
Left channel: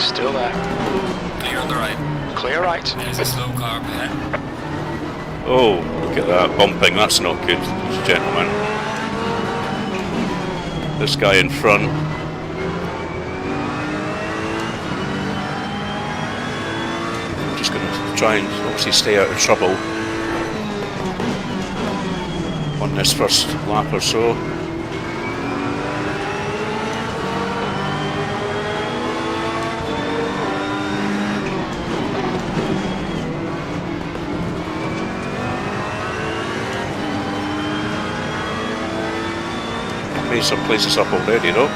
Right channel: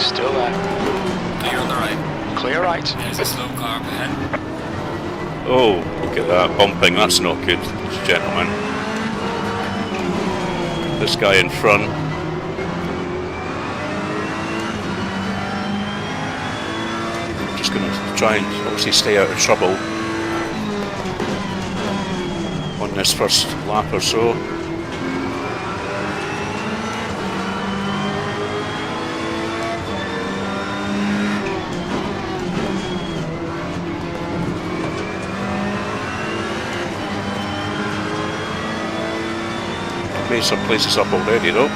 Still there. Clear on the right. Clear right. There's a slow car up ahead. Oh, look at that bumping. That's not good, gentlemen. This guy in front. Just going to try and obviously stay out of trouble on this first lap or so. Made some places up already though.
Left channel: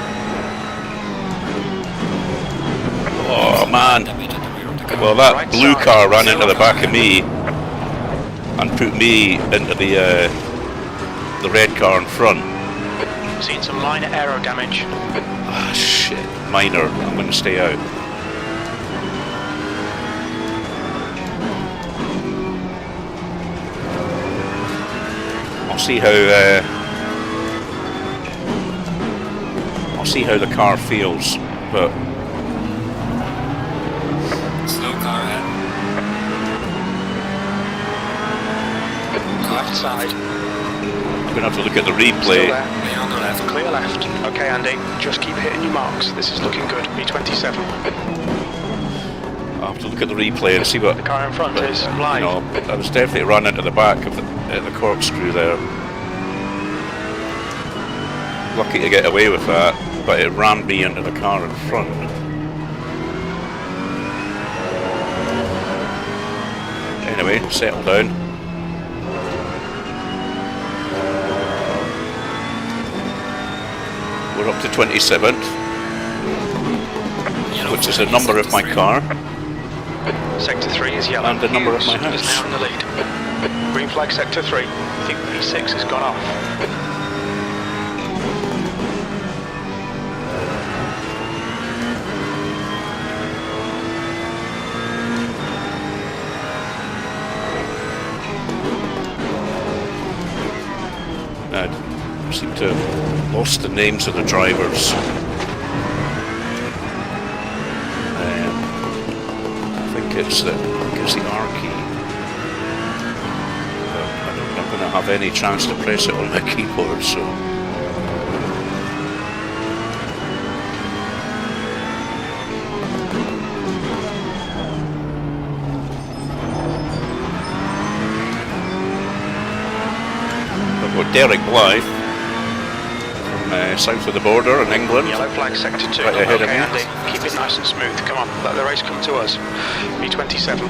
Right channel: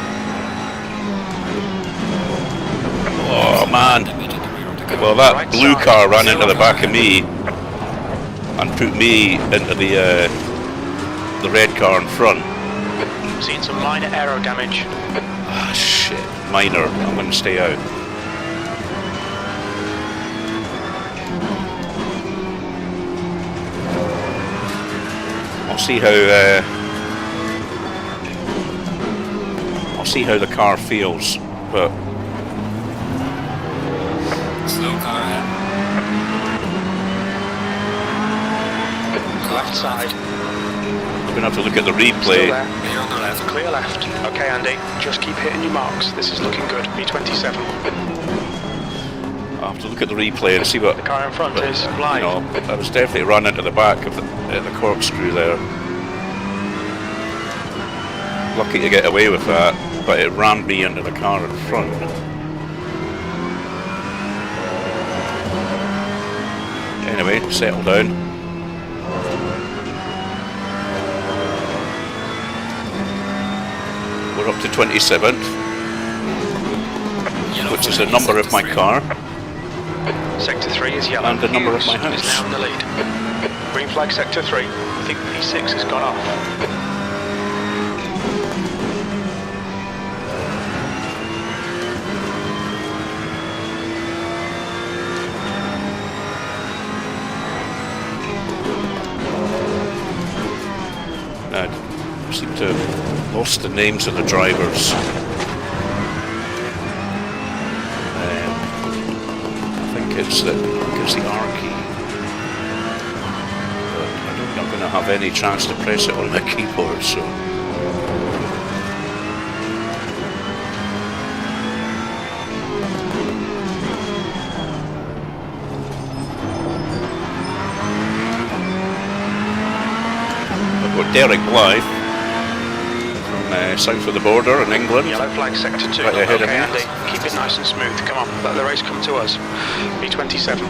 Oh man! Damage at the rear of the car. Well, that Right blue side. car ran into the back of me and put me into the red car in front. Seen some minor aero damage. Ah shit, minor. I'm going to stay out. I'll see how the car feels, but Slow car ahead. Left side. I'm going to have to look at the Still replay. there. Clear on the left. Clear left. Okay, Andy. Just keep hitting your marks. This is looking good. B27. I'll have to look at the replay and see what. The car in front But, is you live. know, I was definitely run into the back of the corkscrew there. Lucky to get away with that, but it rammed me into the car in front. Anyway, settle down. We're up to 27th, Yellow which is the flag, number of my sector car. Sector 3 is yellow. And the number of my Hughes is house. now in the lead. Green flag sector 3. I think P6 has gone off. I seem to have lost the names of the drivers. I think it's the R key, but I don't think I'm going to have any chance to press it on my keyboard. So I've got Derek Blythe from south of the border in England. Yellow flag sector 2. Right ahead of okay, me. Andy. Keep it nice and smooth. Come on. Let the race come to us. B27.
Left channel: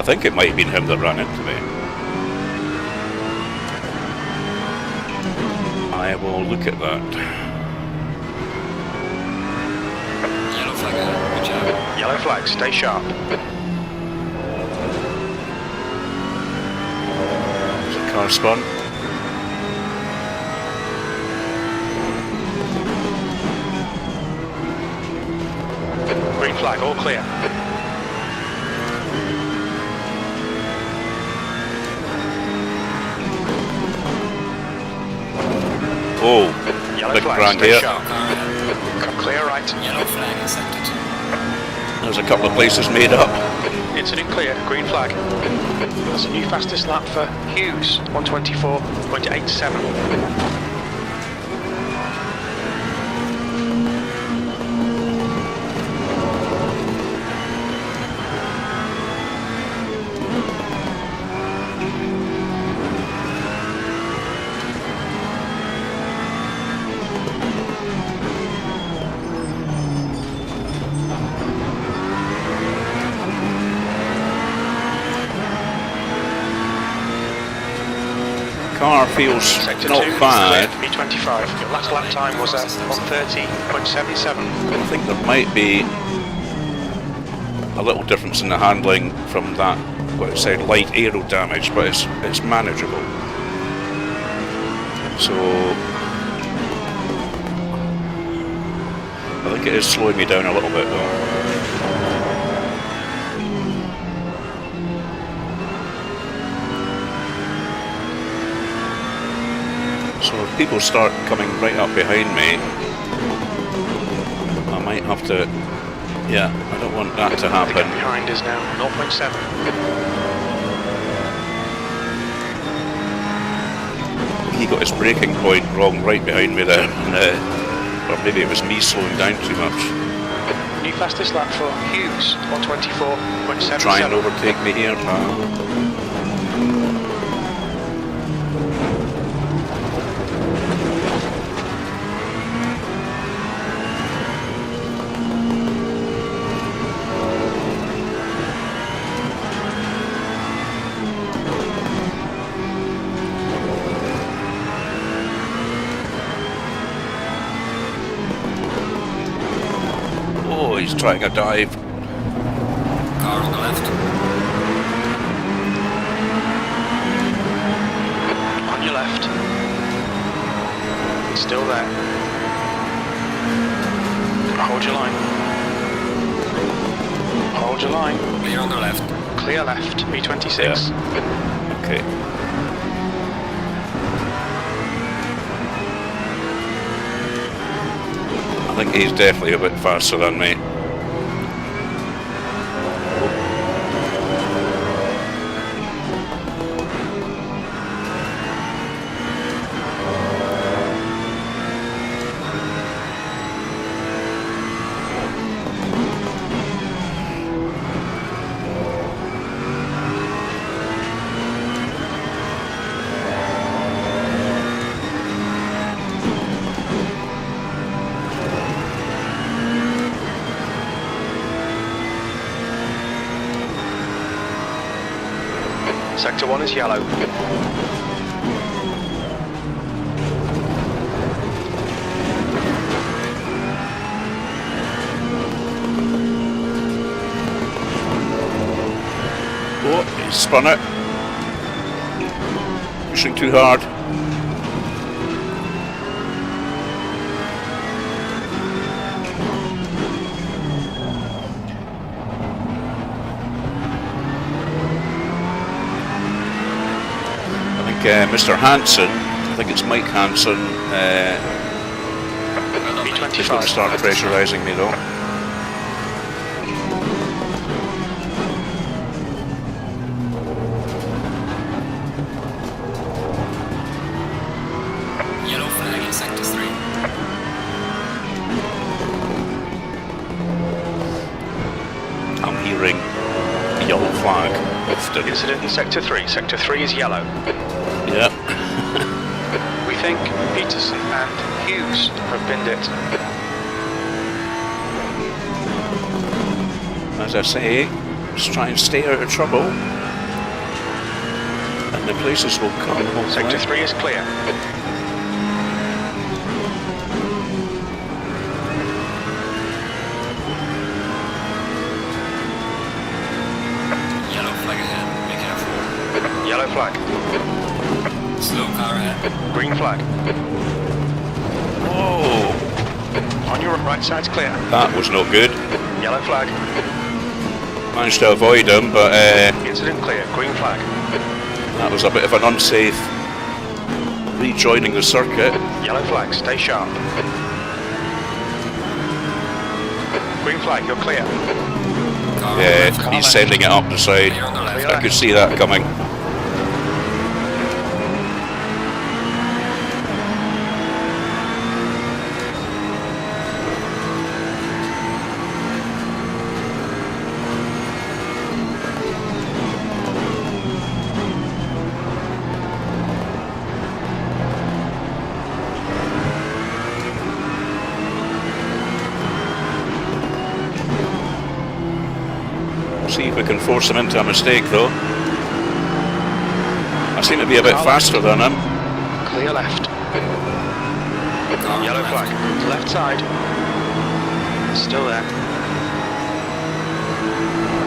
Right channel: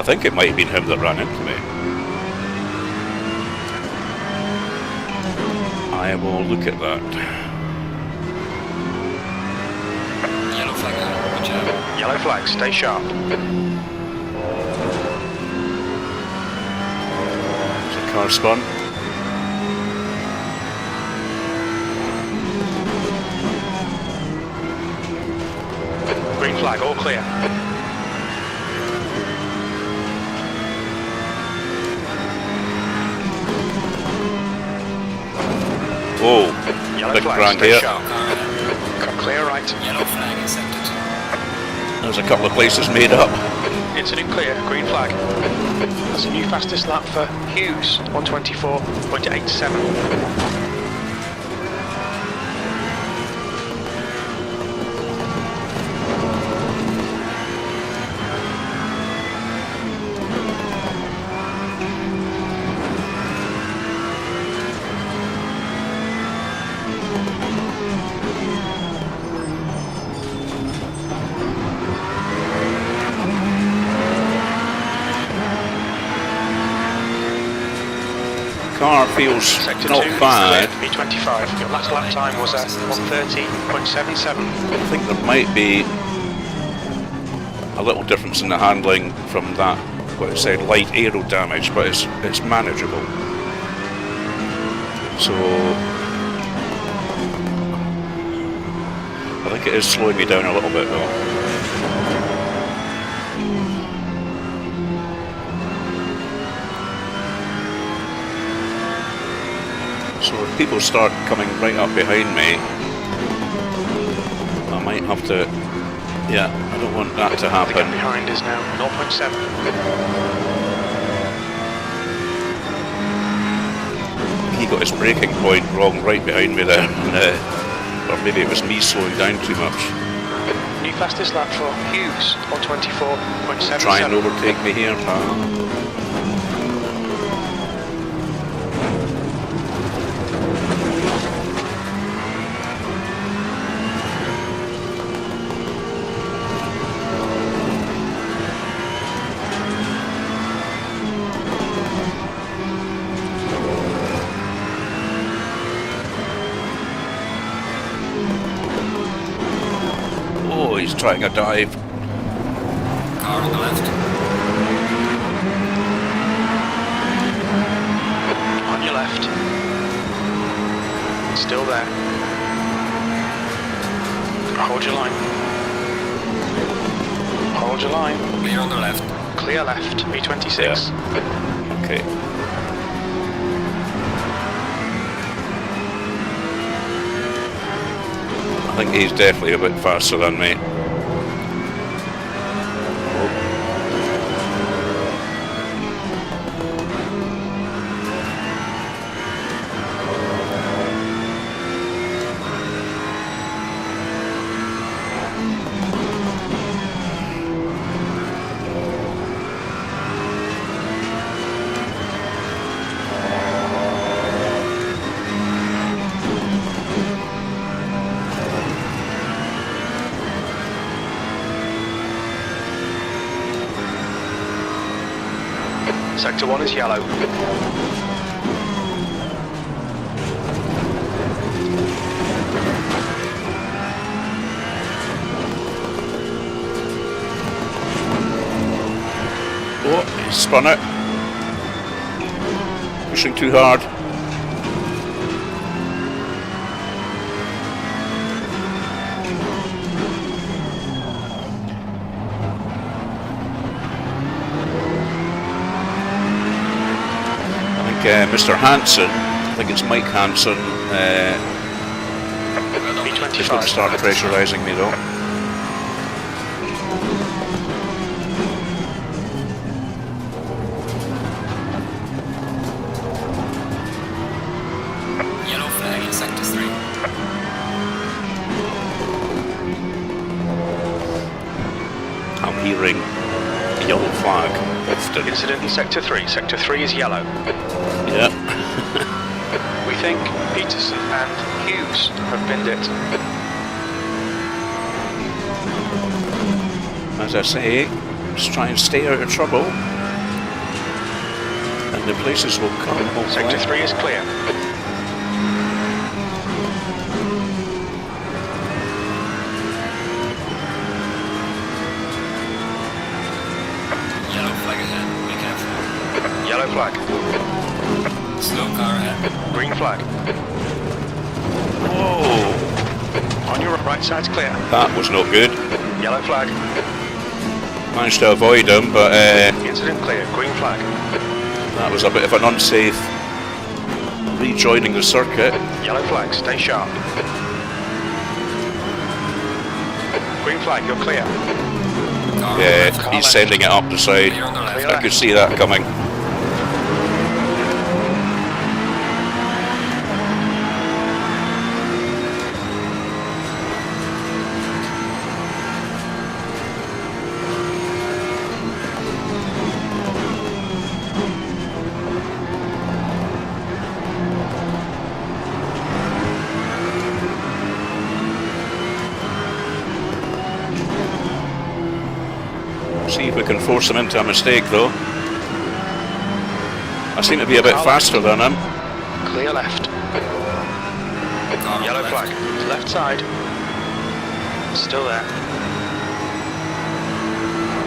I think it might have been him that ran into me. I will look at that. Yellow flag ahead. Watch out. Yellow flag, stay sharp. There's a car spun. Green flag, all clear. Oh, Yellow big flag, brand stay here. sharp. Car ahead. Clear right. Yellow flag in sector 2. There's a couple of places made up. Incident clear, green flag. That's a new fastest lap for Hughes, 124.87. Car feels Sector not 2, bad. B25. Your last lap time was at 130.77. I think there might be a little difference in the handling from that, what it said, light aero damage, but it's manageable. So I think it is slowing me down a little bit though. So if people start coming right up behind me, I might have to, yeah, I don't want that to The gap happen. behind is now 0.7. He got his braking point wrong right behind me there, and, or maybe it was me slowing down too much. New fastest lap for Hughes, 124.77. Try and overtake me here, pal. Oh, he's trying a dive. Car on the left. On your left. Still there. Hold your line. Hold your line. Clear on the left. Clear left, B26. Okay. I think he's definitely a bit faster than me. Oh. Sector 1 is yellow. Oh, he spun it. Pushing too hard. Mr. Hansen, I think it's Mike Hansen, is going to start pressurising me though. Yellow flag in sector 3. I'm hearing yellow flag often. Incident in Sector 3. Sector 3 is yellow. Yeah. We think Peterson and Hughes have binned it. As I say, just try and stay out of trouble. And the places will come, hopefully. Sector 3 is clear. Yellow flag ahead. Be careful. Yellow flag. Slow car ahead. Green flag. Whoa! On your right side's clear. That was not good. Yellow flag. Managed to avoid him, but Incident clear. Green flag. that was a bit of an unsafe rejoining the circuit. Yellow flag. Stay sharp. Green flag. You're clear. Car on the Yeah, left. he's sending it up the side. Clear on the left. Clear. I could see that coming. See if we can force him into a mistake, though. I seem to be a bit faster than him. Clear left. Car on Yellow the flag. left. Left side. Still there.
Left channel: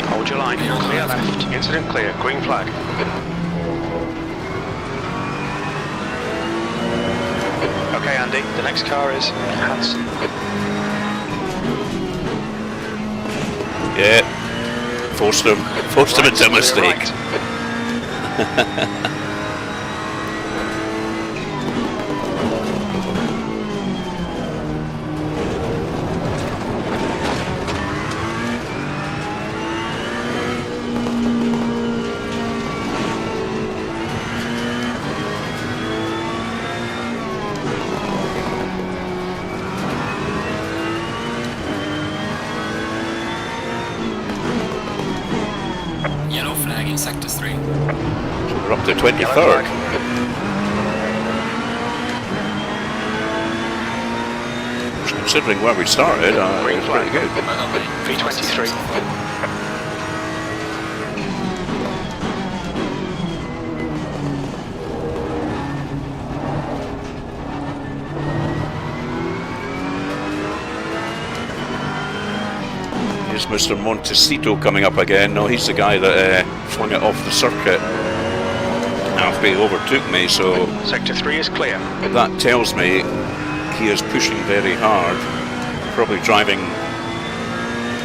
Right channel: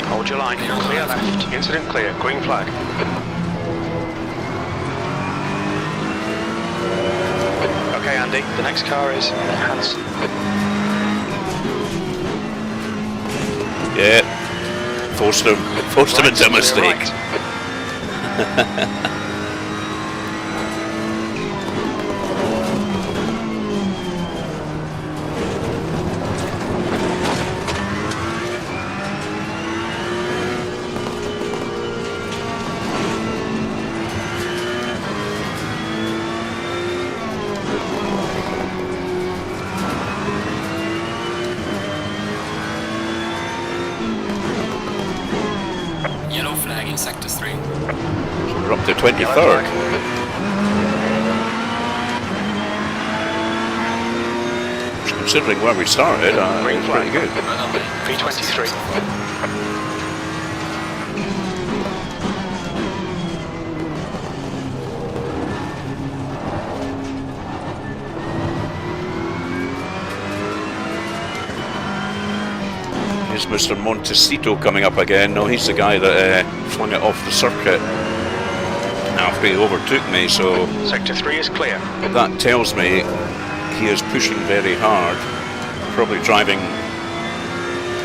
Hold your line. Clear on the Clear left. left. Incident clear. Green flag. Okay, Andy. The next car is Hanson. Yeah, forced him into a Clear mistake. right. Yellow flag in sector 3. So we're up to Yellow 23rd. flag. Considering where we started, Green it's pretty flag. good. Well done, mate. V23. So far. Here's Mr. Montecito coming up again. No, he's the guy that flung it off the circuit after he overtook me, so Sector 3 is clear. that tells me he is pushing very hard, probably driving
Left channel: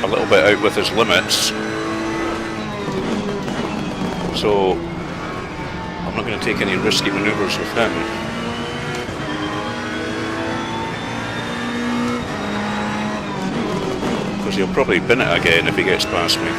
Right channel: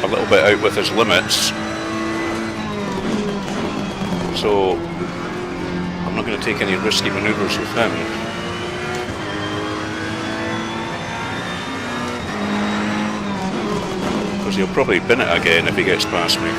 a little bit out with his limits. So I'm not going to take any risky maneuvers with him. Because he'll probably bin it again if he gets past me.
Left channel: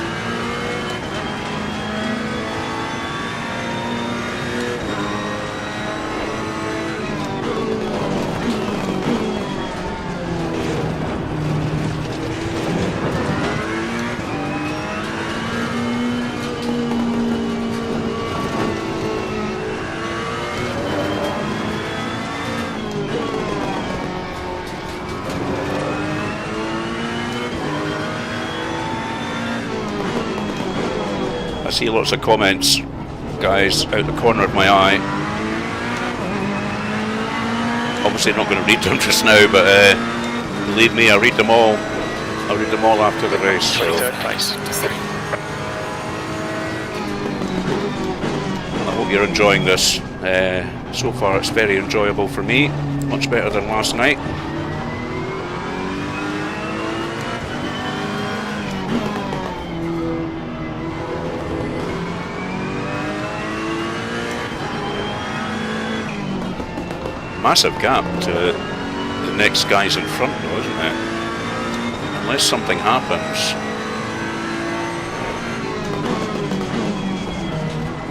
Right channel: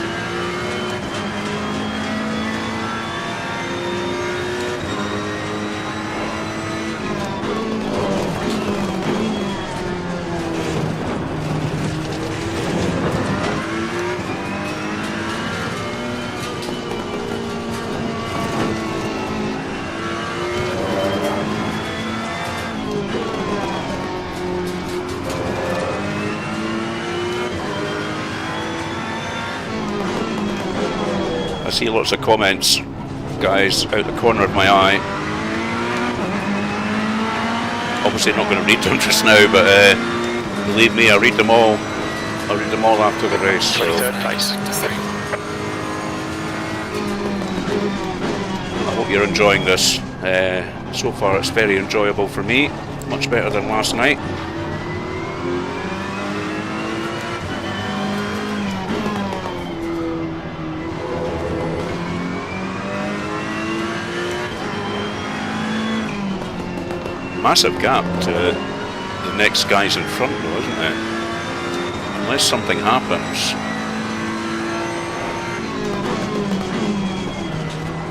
I see lots of comments, guys, out the corner of my eye. Obviously not going to read them just now, but believe me, I'll read them all. I'll read them all after the race. So 23rd place. Sector 3. I hope you're enjoying this. So far it's very enjoyable for me, much better than last night. Massive gap to the next guys in front though, isn't it? Unless something happens,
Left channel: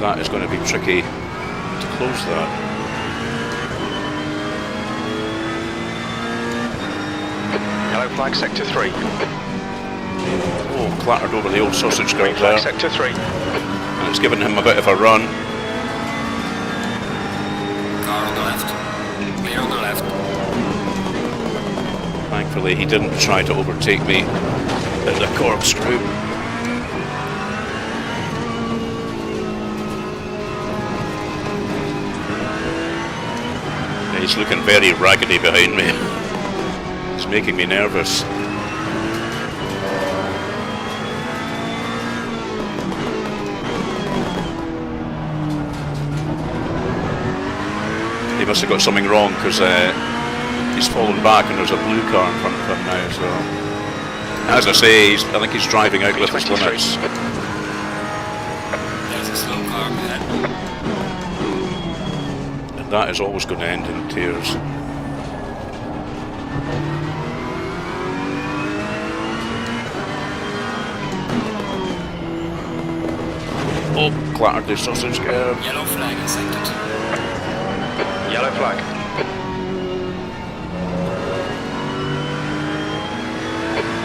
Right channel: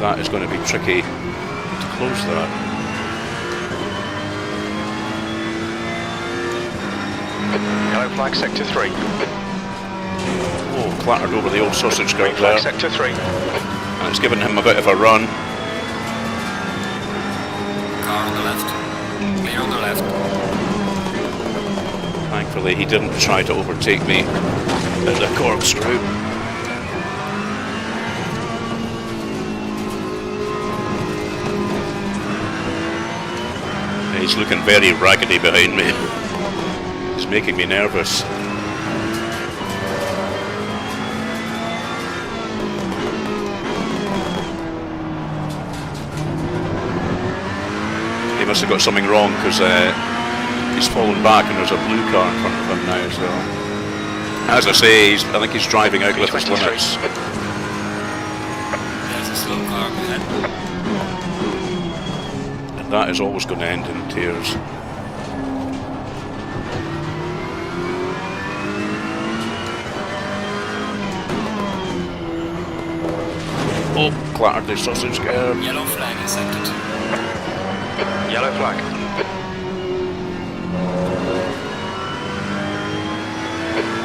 that is going to be tricky to close that. Yellow flag, sector 3. Oh, clattered over the old sausage Green guard there, flag, sector 3. and it's given him a bit of a run. Car on the left. Clear on the left. Thankfully he didn't try to overtake me at the corkscrew. He's looking very raggedy behind me. He's making me nervous. He must have got something wrong because he's fallen back and there's a blue car in front of him now. So, as I say, I think he's driving out with his limits. There's a slow car ahead. And that is always going to end in tears. Oh, clattered the sausage curve. Yellow flag in sector 2. Yellow flag.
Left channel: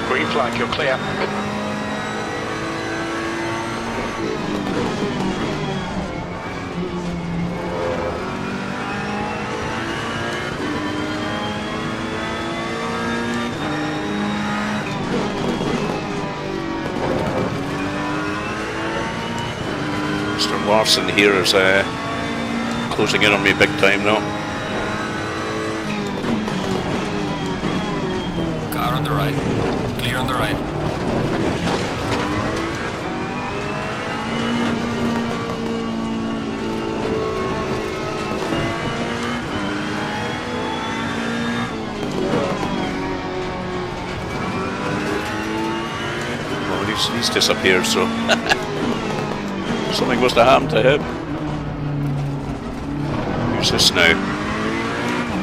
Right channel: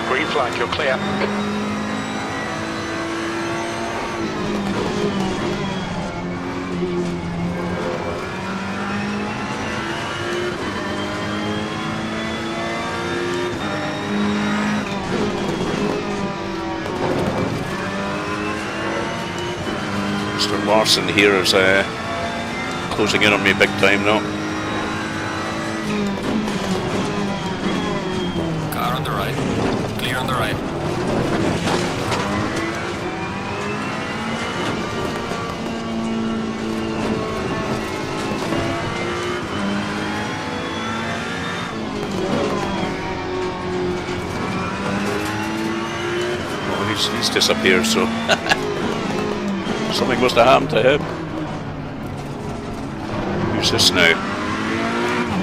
Green flag, you're clear. Mr. Larson here is closing in on me big time now. Car on the right. Clear on the right. Oh, he's disappeared, so something must have happened to him. Who's this now?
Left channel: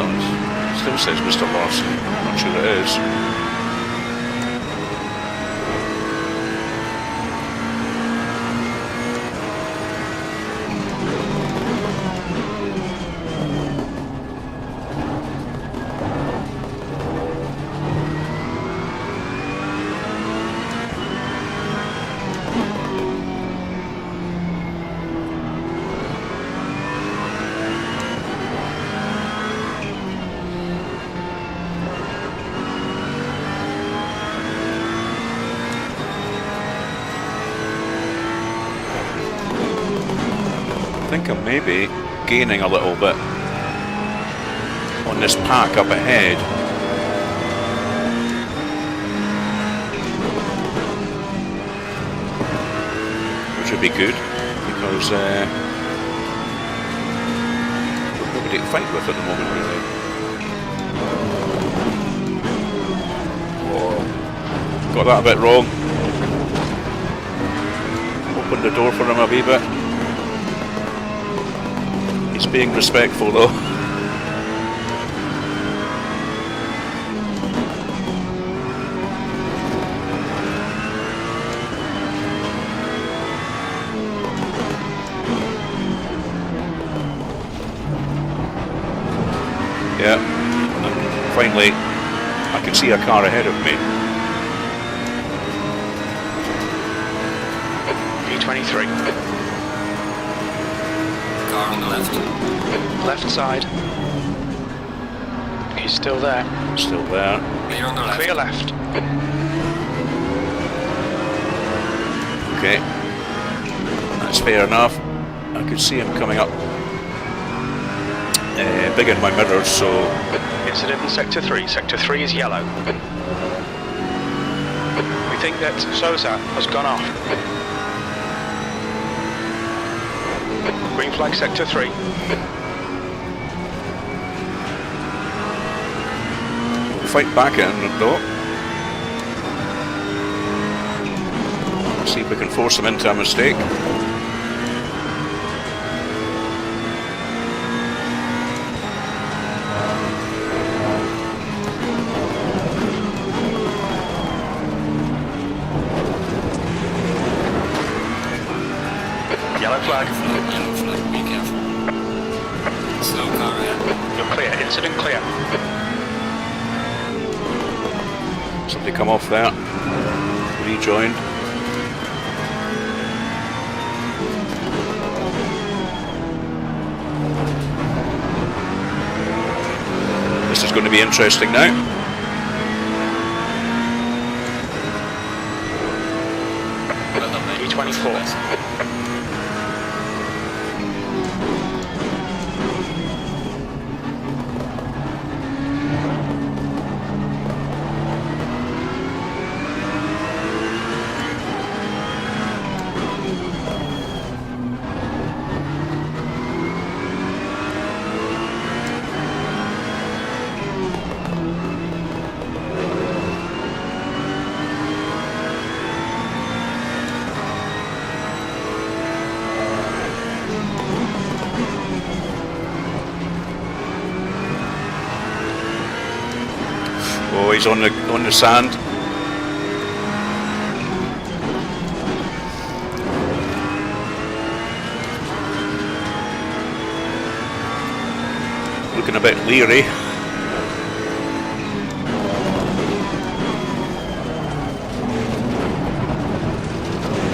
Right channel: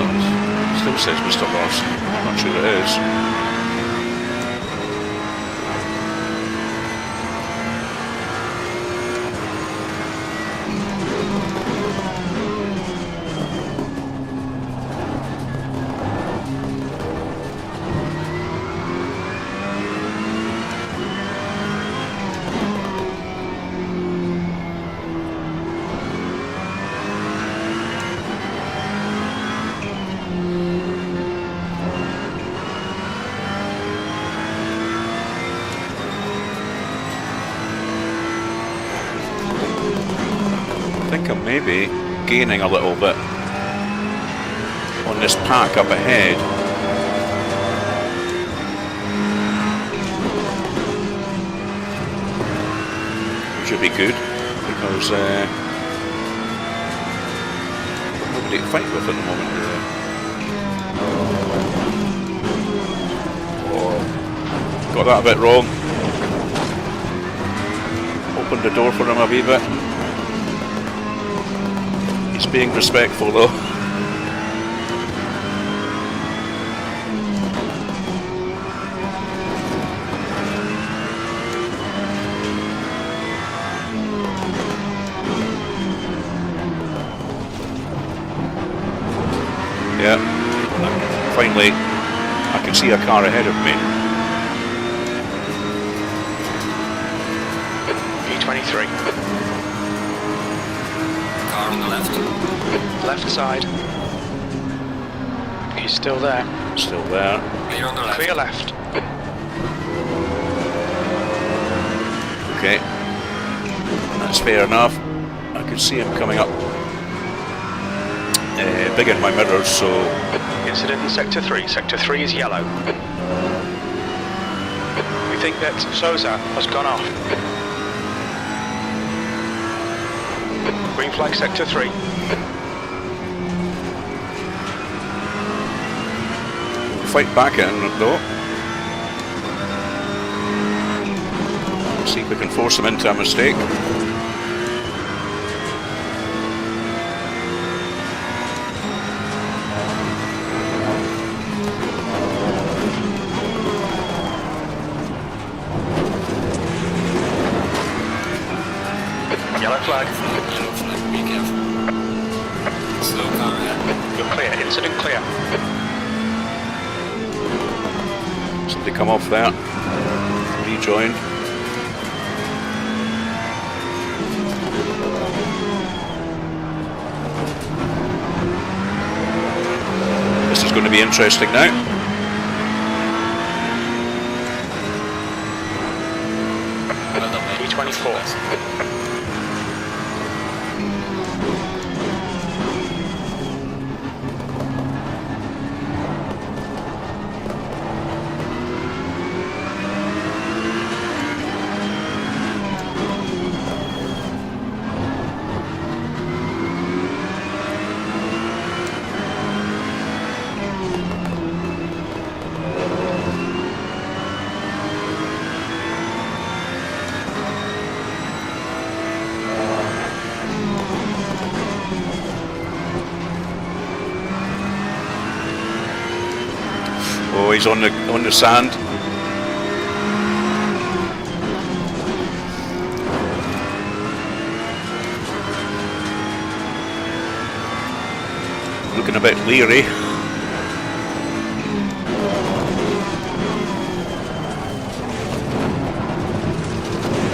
Oh, it still says Mr. Larson. I'm not sure it is. I think I'm maybe gaining a little bit on this pack up ahead. Which would be good because we've got nobody to fight with at the moment, really. Oh, got that a bit wrong. Opened the door for him a wee bit. He's being respectful though. Yeah, and finally I can see a car ahead of me. P23. Car on the left. Left side. He's still there. Still there. Clear on the left. Clear left. Okay, that's fair enough. I could see him coming up big in my mirrors, so... Incident in sector 3. Sector 3 is yellow. We think that Sousa has gone off. Green flag sector 3. We'll fight back in though. See if we can force him into a mistake. Yellow flag. Yellow flag, be careful. Slow car ahead. You're clear. Incident clear. Somebody come off there. Rejoined. This is going to be interesting now. Well done, mate. P24. Oh, he's on the sand. Looking a bit leery.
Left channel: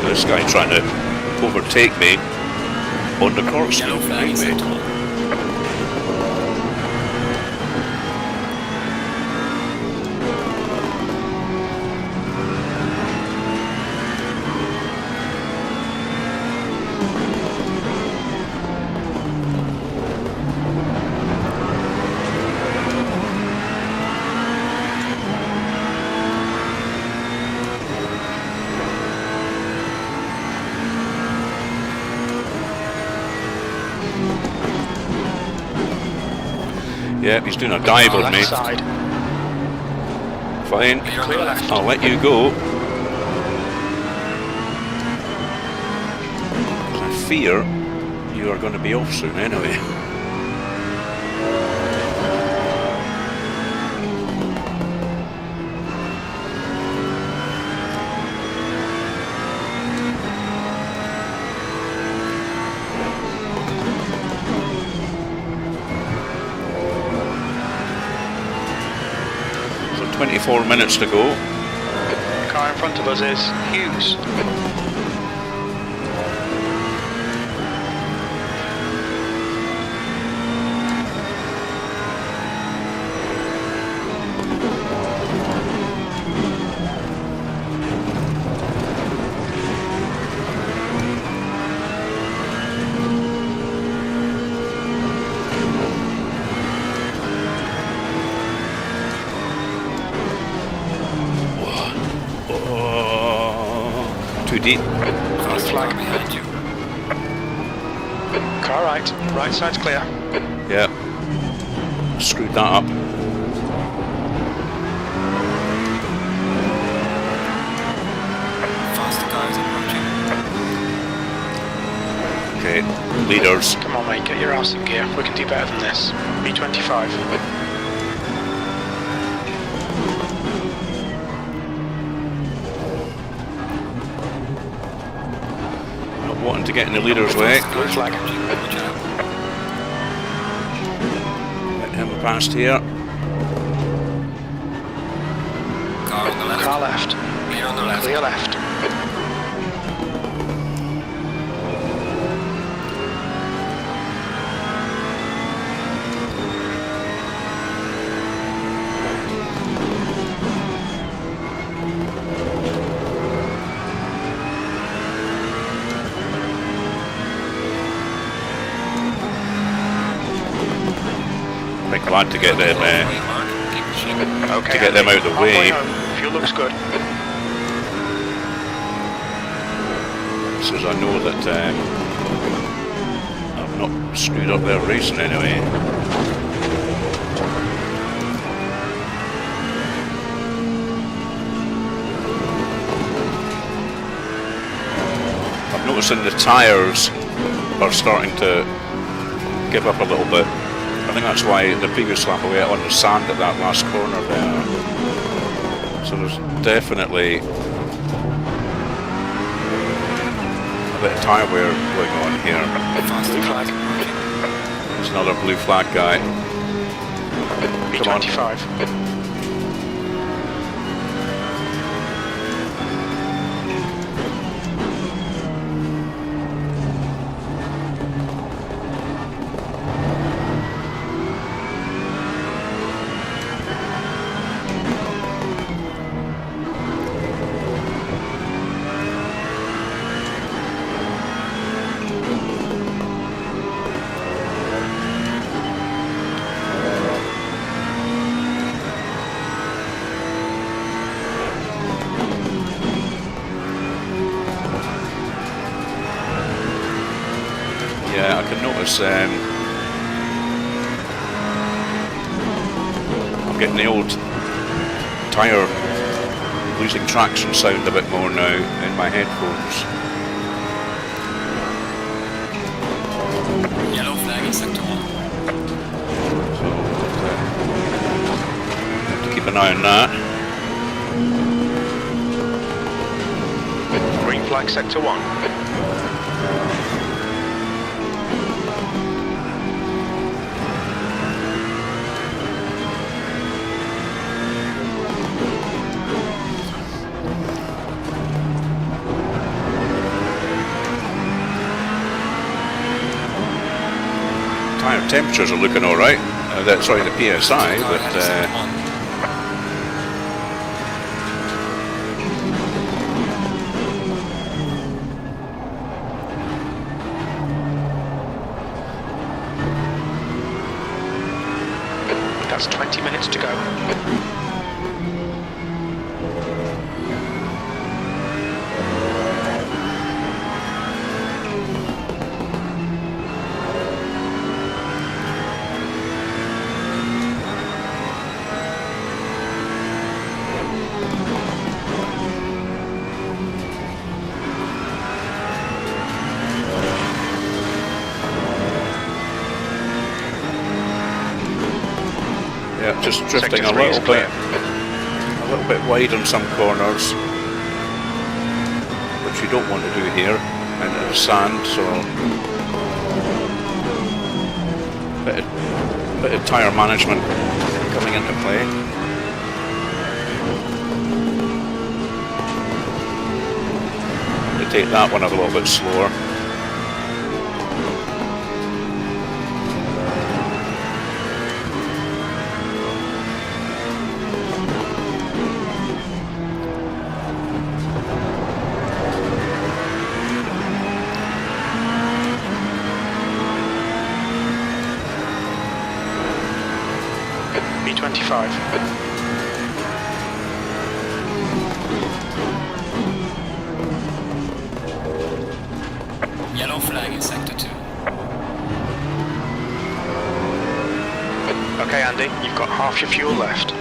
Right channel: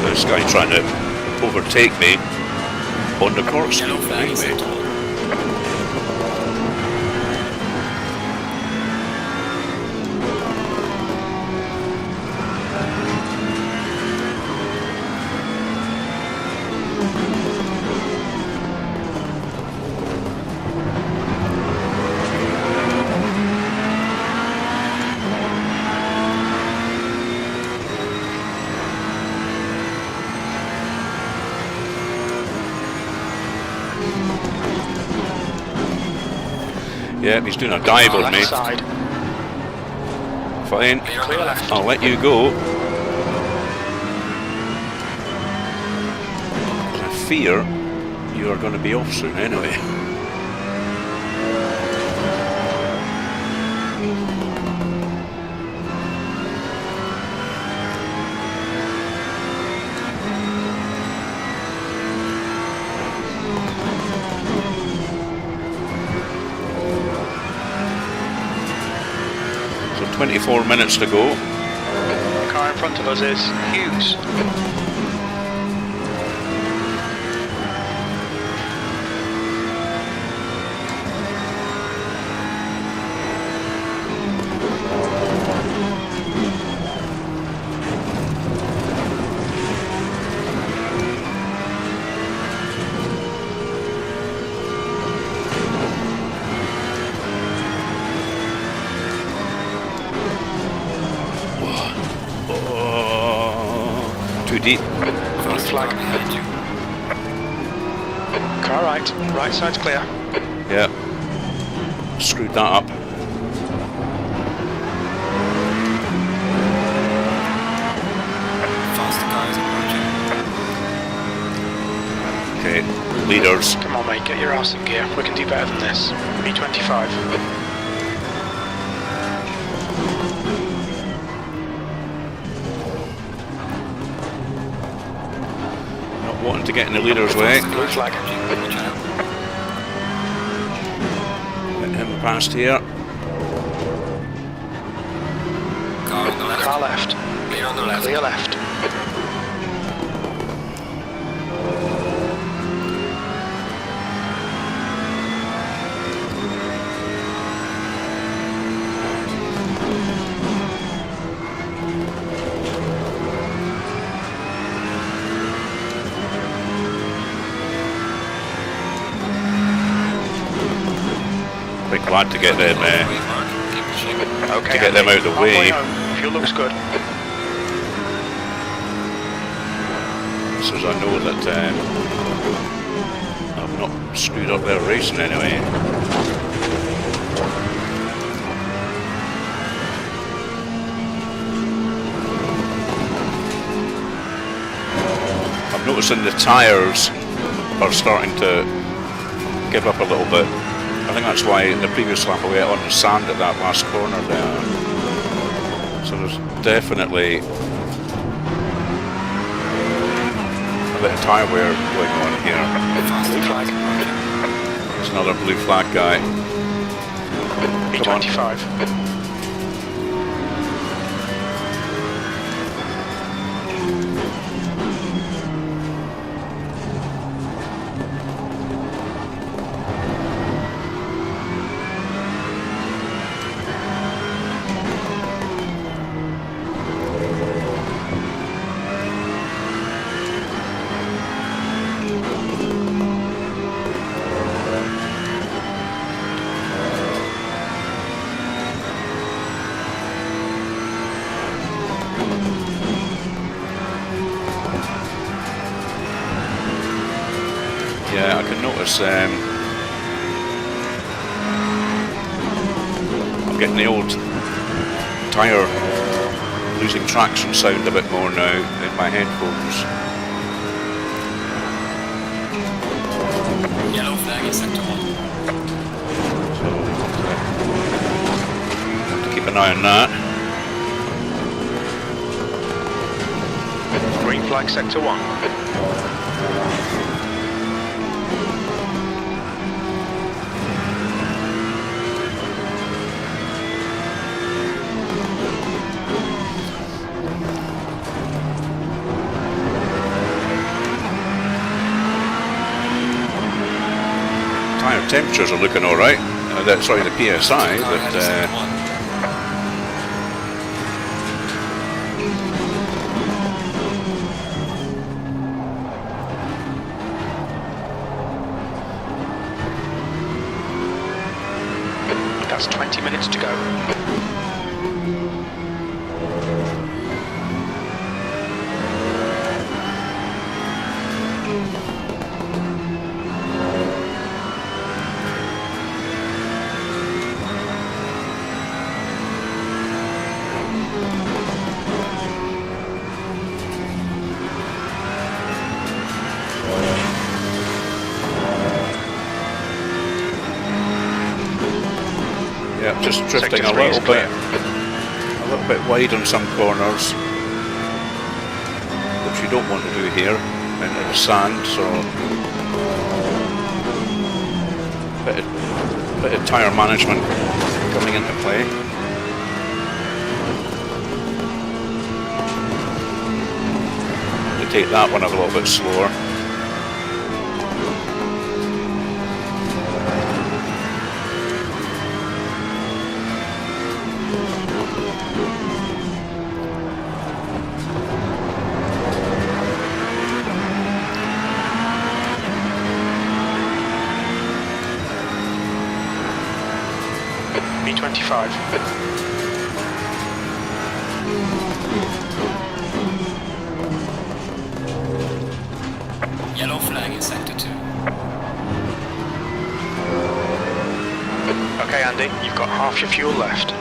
This guy trying to overtake me on the course Yellow speed flag is behind set me. to all. Yeah, he's doing a dive on me. Left side. Fine, Clear left. I'll let you go. I fear you are going to be off soon anyway. So 24 minutes to go. The car in front of us is Hughes. Oh, too deep. Fast flag. car behind you. Car right side's clear. Yeah, screwed that up. Faster car is approaching. Okay, leaders. Come on mate, get your arse in gear. We can do better than this. B25. Not wanting to get in the leader's way. Faster car Blue is flag. approaching. Watch out. Let him past here. Car on the left. Car left. Clear on the left. Clear left. Quite glad to get them Halfway mark. Keep pushing. Okay. To get them Andy, out of the halfway way. home. Fuel looks good. so as I know that I've not screwed up their racing anyway. I'm noticing the tyres are starting to give up a little bit. I think that's why the previous lap I went on the sand at that last corner there. So there's definitely a bit of tyre wear going on here. Faster Blue car flag. is approaching. There's another blue flag guy. Come on. B25. Yeah, I can notice I'm getting the old tyre losing traction sound a bit more now in my headphones. Yellow flag is set to all. So we'll have to keep an eye on that. Green flag sector 1. Tyre temperatures are looking alright. Sorry, the PSI, Car ahead but of sector 1. That's 20 minutes to go. yeah, just drifting Sector 3 is clear. a little bit wide on some corners, which you don't want to do here into the sand. So bit of tyre management coming into play. I'm going to take that one a little bit slower. B25. Yellow flag in sector 2. Okay, Andy, you've got half your fuel left.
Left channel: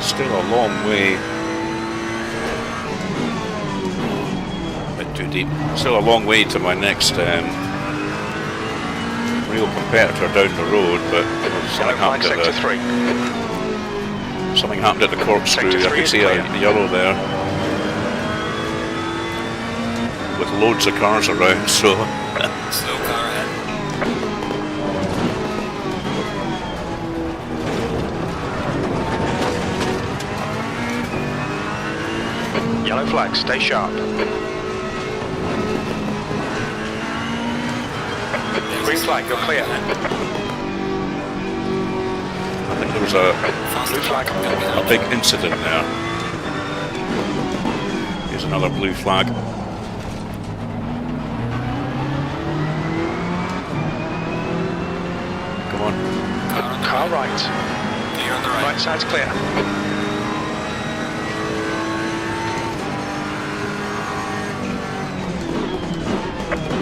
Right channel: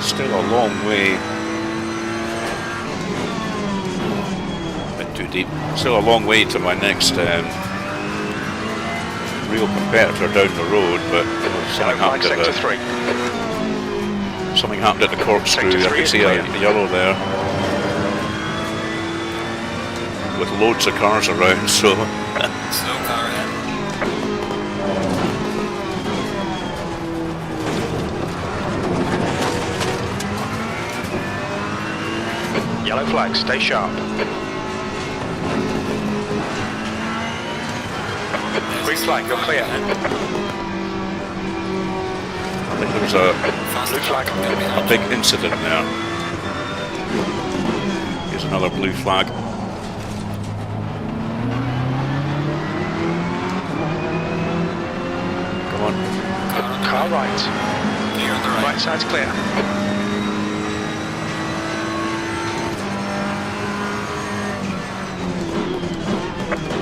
Still a long way. A bit too deep. Still a long way to my next real competitor down the road, but something happened sector at 3. something happened at the corkscrew. Sector I 3 could is see clear. a yellow there, with loads of cars around. So Slow car ahead. Yellow flag, stay sharp. There's Green a flag, slow you're car clear. ahead. I think there was a Faster Blue car flag. coming up behind big you. incident there. Here's another blue flag. Come on. Car on the Car right. right. Clear on the right. Right side's clear.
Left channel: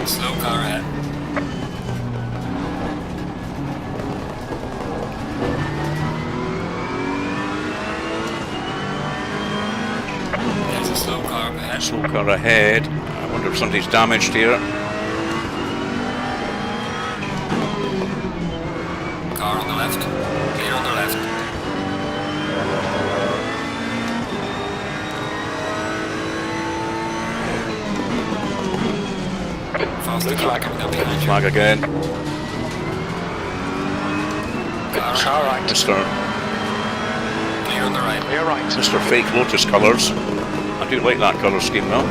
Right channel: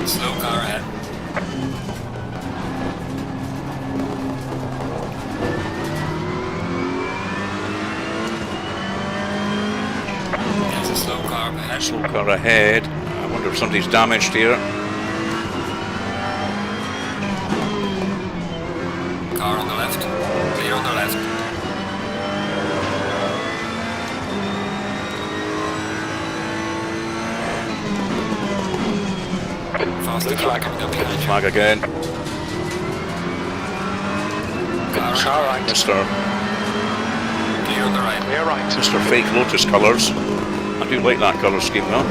Slow car ahead. There's a slow car up ahead. Slow car ahead. I wonder if somebody's damaged here. Car on the left. Clear on the left. Faster Blue car flag. coming up Blue behind you. flag again. Car on Car the right. Mr. Clear on the right. Clear right. Mr. Fake Lotus colours. I do like that colour scheme though.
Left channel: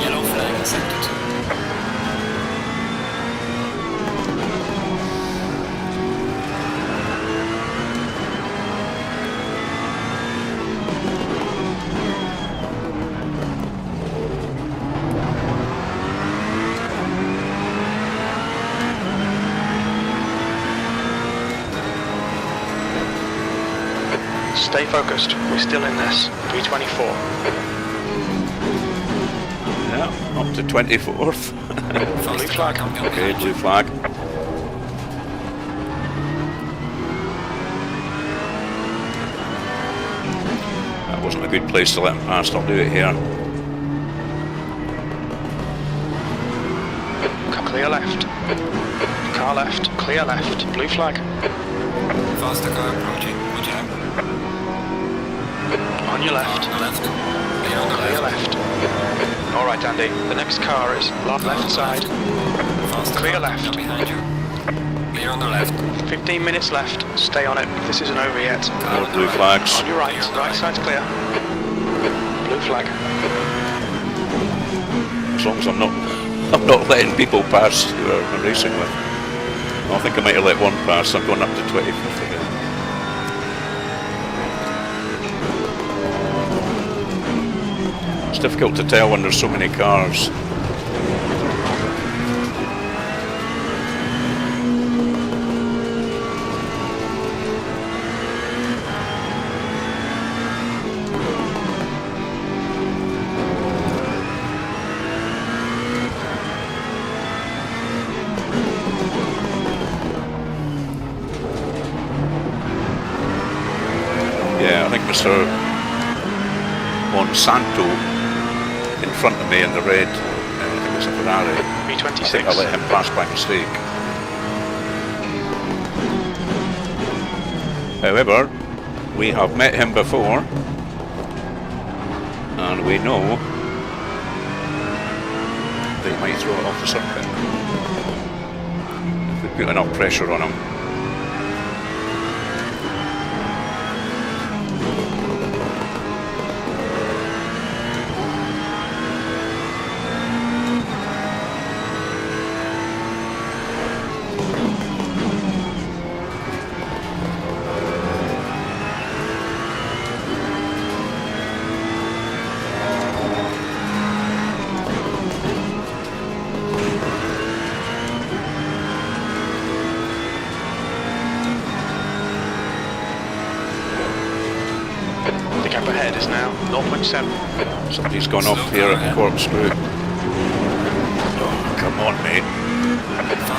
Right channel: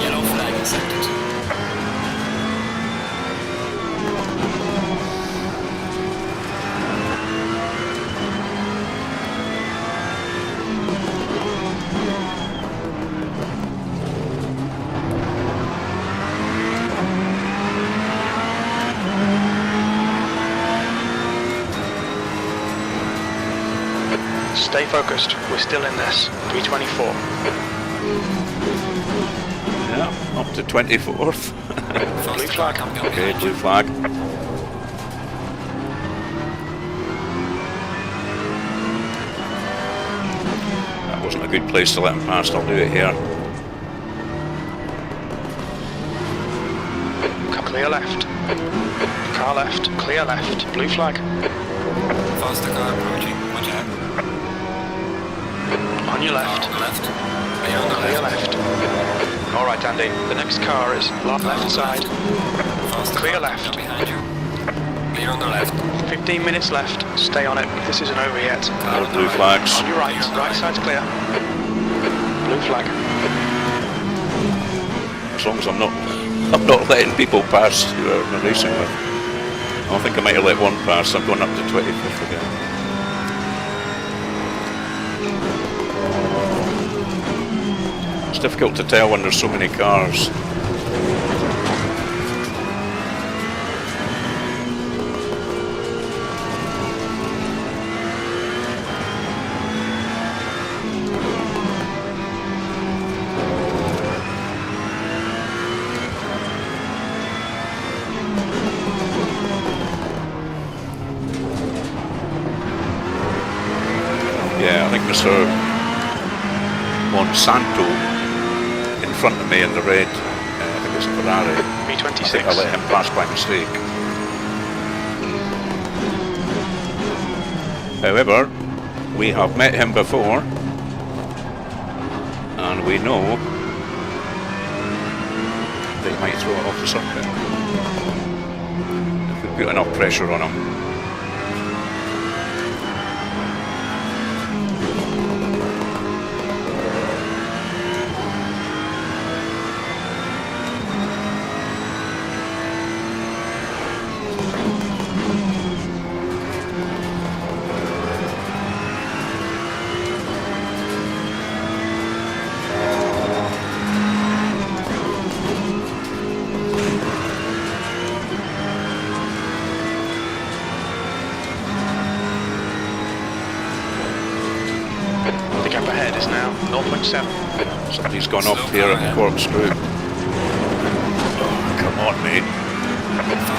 Yellow flag in sector 2. Stay focused. We're still in this. V24. Yeah, up to 24th. Blue flag. Okay, blue flag. That wasn't a good place to let him pass. I'll do it here. Clear left. Car left. Clear left. Blue flag. Faster car approaching. Watch out. On your Car left. on the left. Clear on the Clear left. left. Alright, Andy. The next car is Car on left the side. Faster Clear car left. behind you. Clear on the left. 15 minutes left. Stay on it. This isn't over yet. Car More on the blue right. flags. On your right. Clear on the Right side's clear. Blue flag. As long as I'm not letting people pass who I'm racing with. I think I might have let one pass. I'm going up to 25th again. It's difficult to tell when there's so many cars. Yeah, I think Mr. Monsanto in front of me in the red, I think it's a Ferrari. I think I V26. let him pass by mistake. However, we have met him before, and we know that he might throw it off the circuit if we put enough pressure on him. The gap ahead is now 0.7. Somebody's gone off here at the corkscrew. Oh, come on, mate.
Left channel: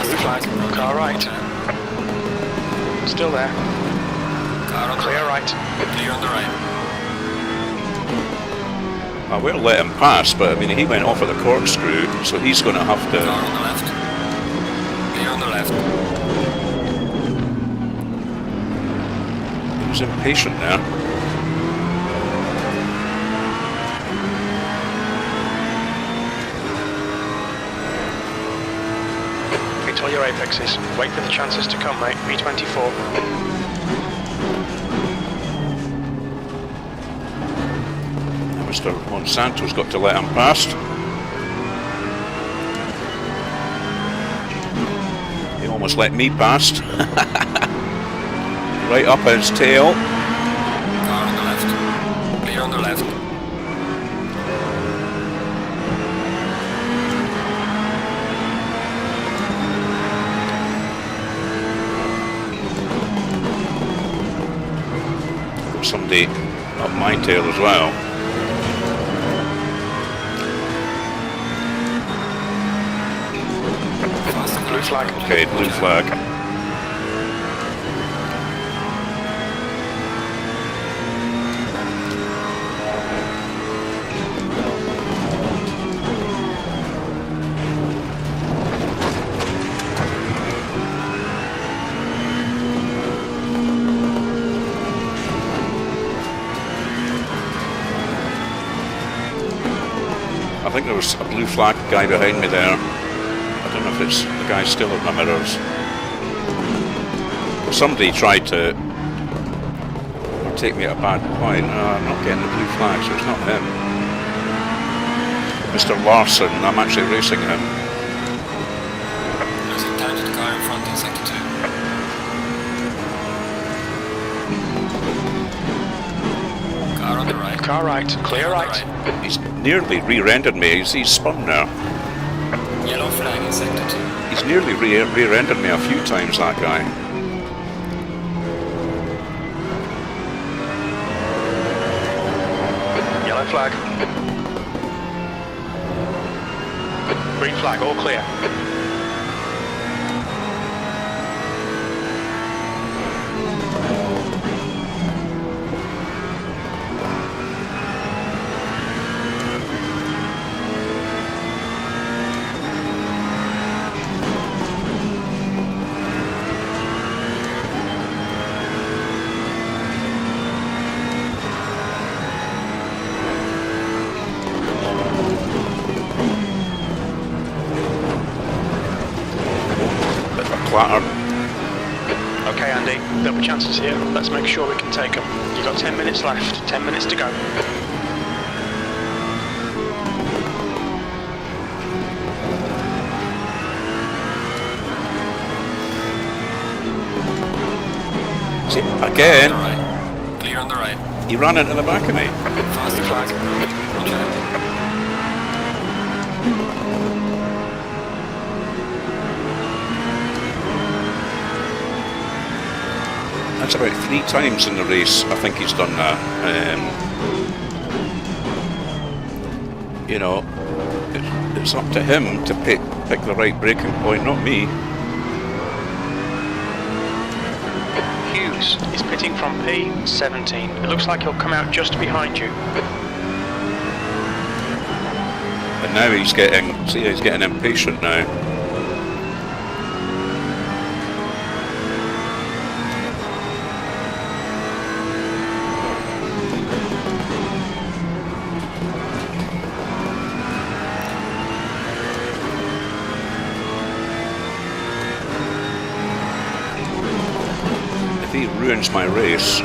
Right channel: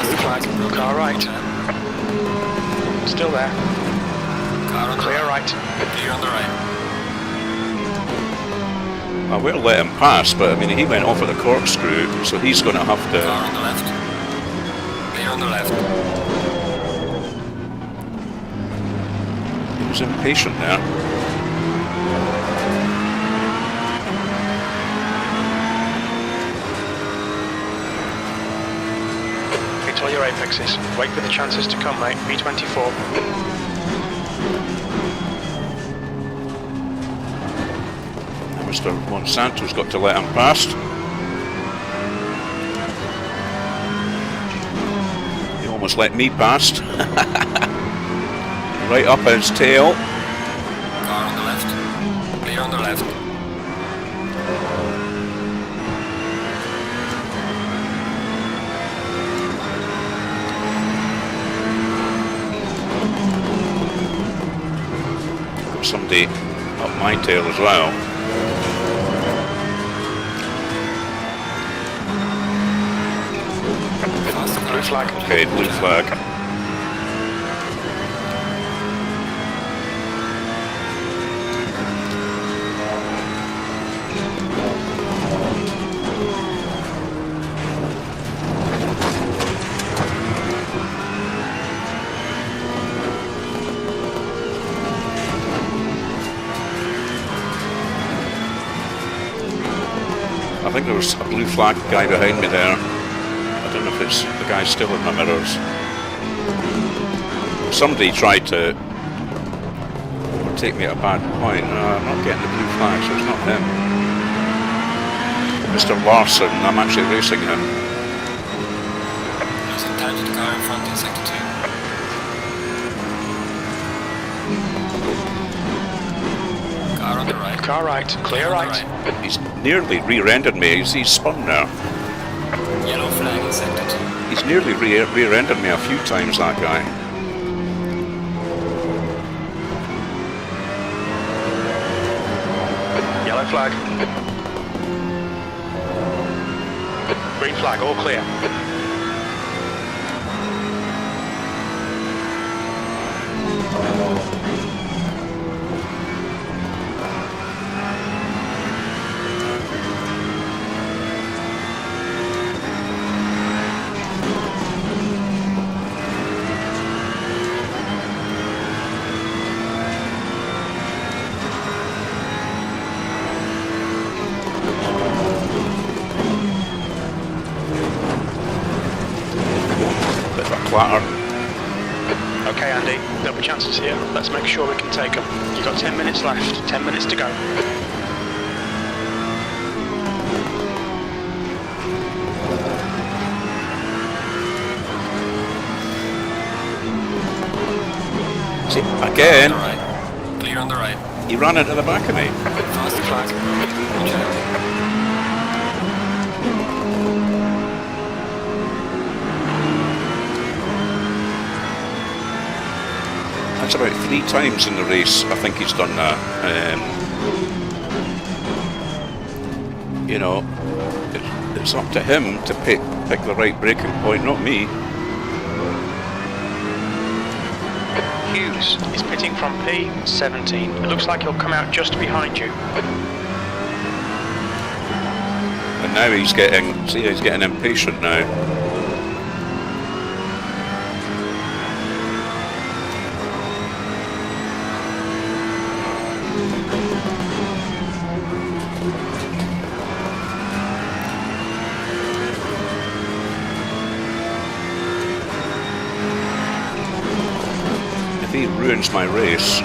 Blue flag. Car right. Watch out. Still there. Car on the Clear right. right. Clear on the right. I will let him pass, but I mean, he went off at the corkscrew, so he's going to have Car to... on the left. Clear on the left. He was impatient there. Hit all your apexes. Wait for the chances to come, mate. V24. Now Mr. Monsanto's got to let him pass. He almost let me pass. Right up his tail. Car on the left. Clear on the left. Got somebody up my tail as well. Faster car. Blue flag. Okay, blue flag. I think there was a blue flag guy behind me there. I don't know if it's the guy still in my mirrors. Somebody tried to overtake me at a bad point. I'm not getting the blue flag, so it's not him. Mr. Larson, I'm actually racing him. Losing time to the car in front in sector 2. Car on the right. Car right. Clear On the right. He's nearly rear-ended me. He's spun now. Yellow flag in sector 2. He's nearly rear-ended me a few times, that guy. Yellow flag. Green flag, all clear. Bit of a clatter. Okay, Andy, there'll be chances here. Let's make sure we can take them. You've got 10 minutes left, 10 minutes to go. See, again, On the right. Clear on the right. he ran into the back of me. Fast Blue flag. Watch out. That's about 3 times in the race, I think he's done that. You know, it's up to him to pick the right braking point, not me. Hughes is pitting from P17. It looks like he'll come out just behind you. And now he's getting impatient now. If he ruins my race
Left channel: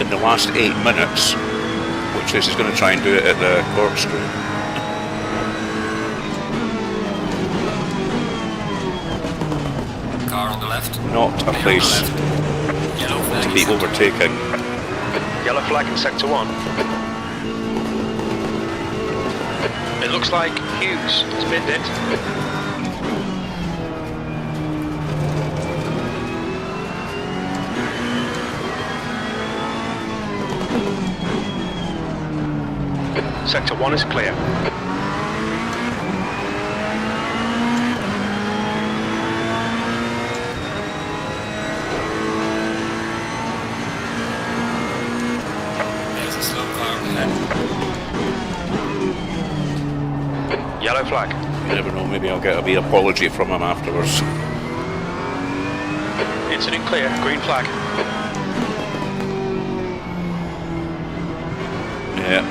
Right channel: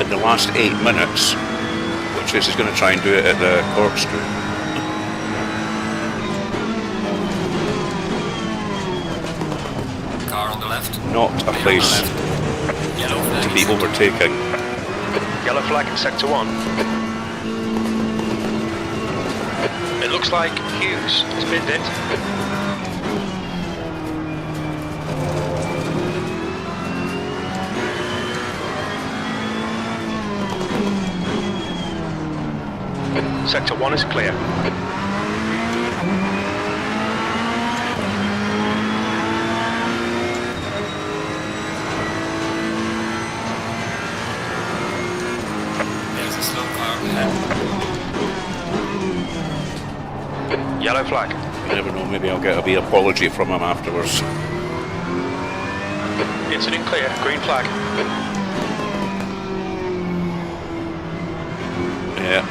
in the last 8 minutes, which is he's going to try and do it at the corkscrew. Car on the left. Not a Clear on the place left. Yellow flag. to in be sector one. overtaken. Yellow flag in sector 1. It looks like Hughes has binned it. Sector 1 is clear. There's a slow car up ahead. Yellow flag. You never know, maybe I'll get a wee apology from him afterwards. Incident clear. Green flag. Yeah.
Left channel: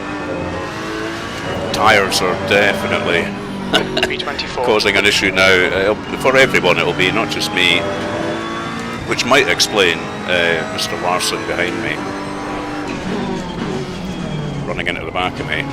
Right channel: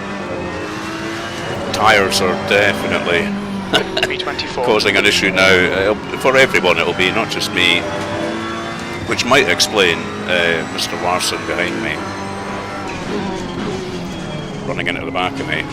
Tyres are definitely B24. causing an issue now. For everyone it'll be, not just me. Which might explain Mr. Larson behind me running into the back of me.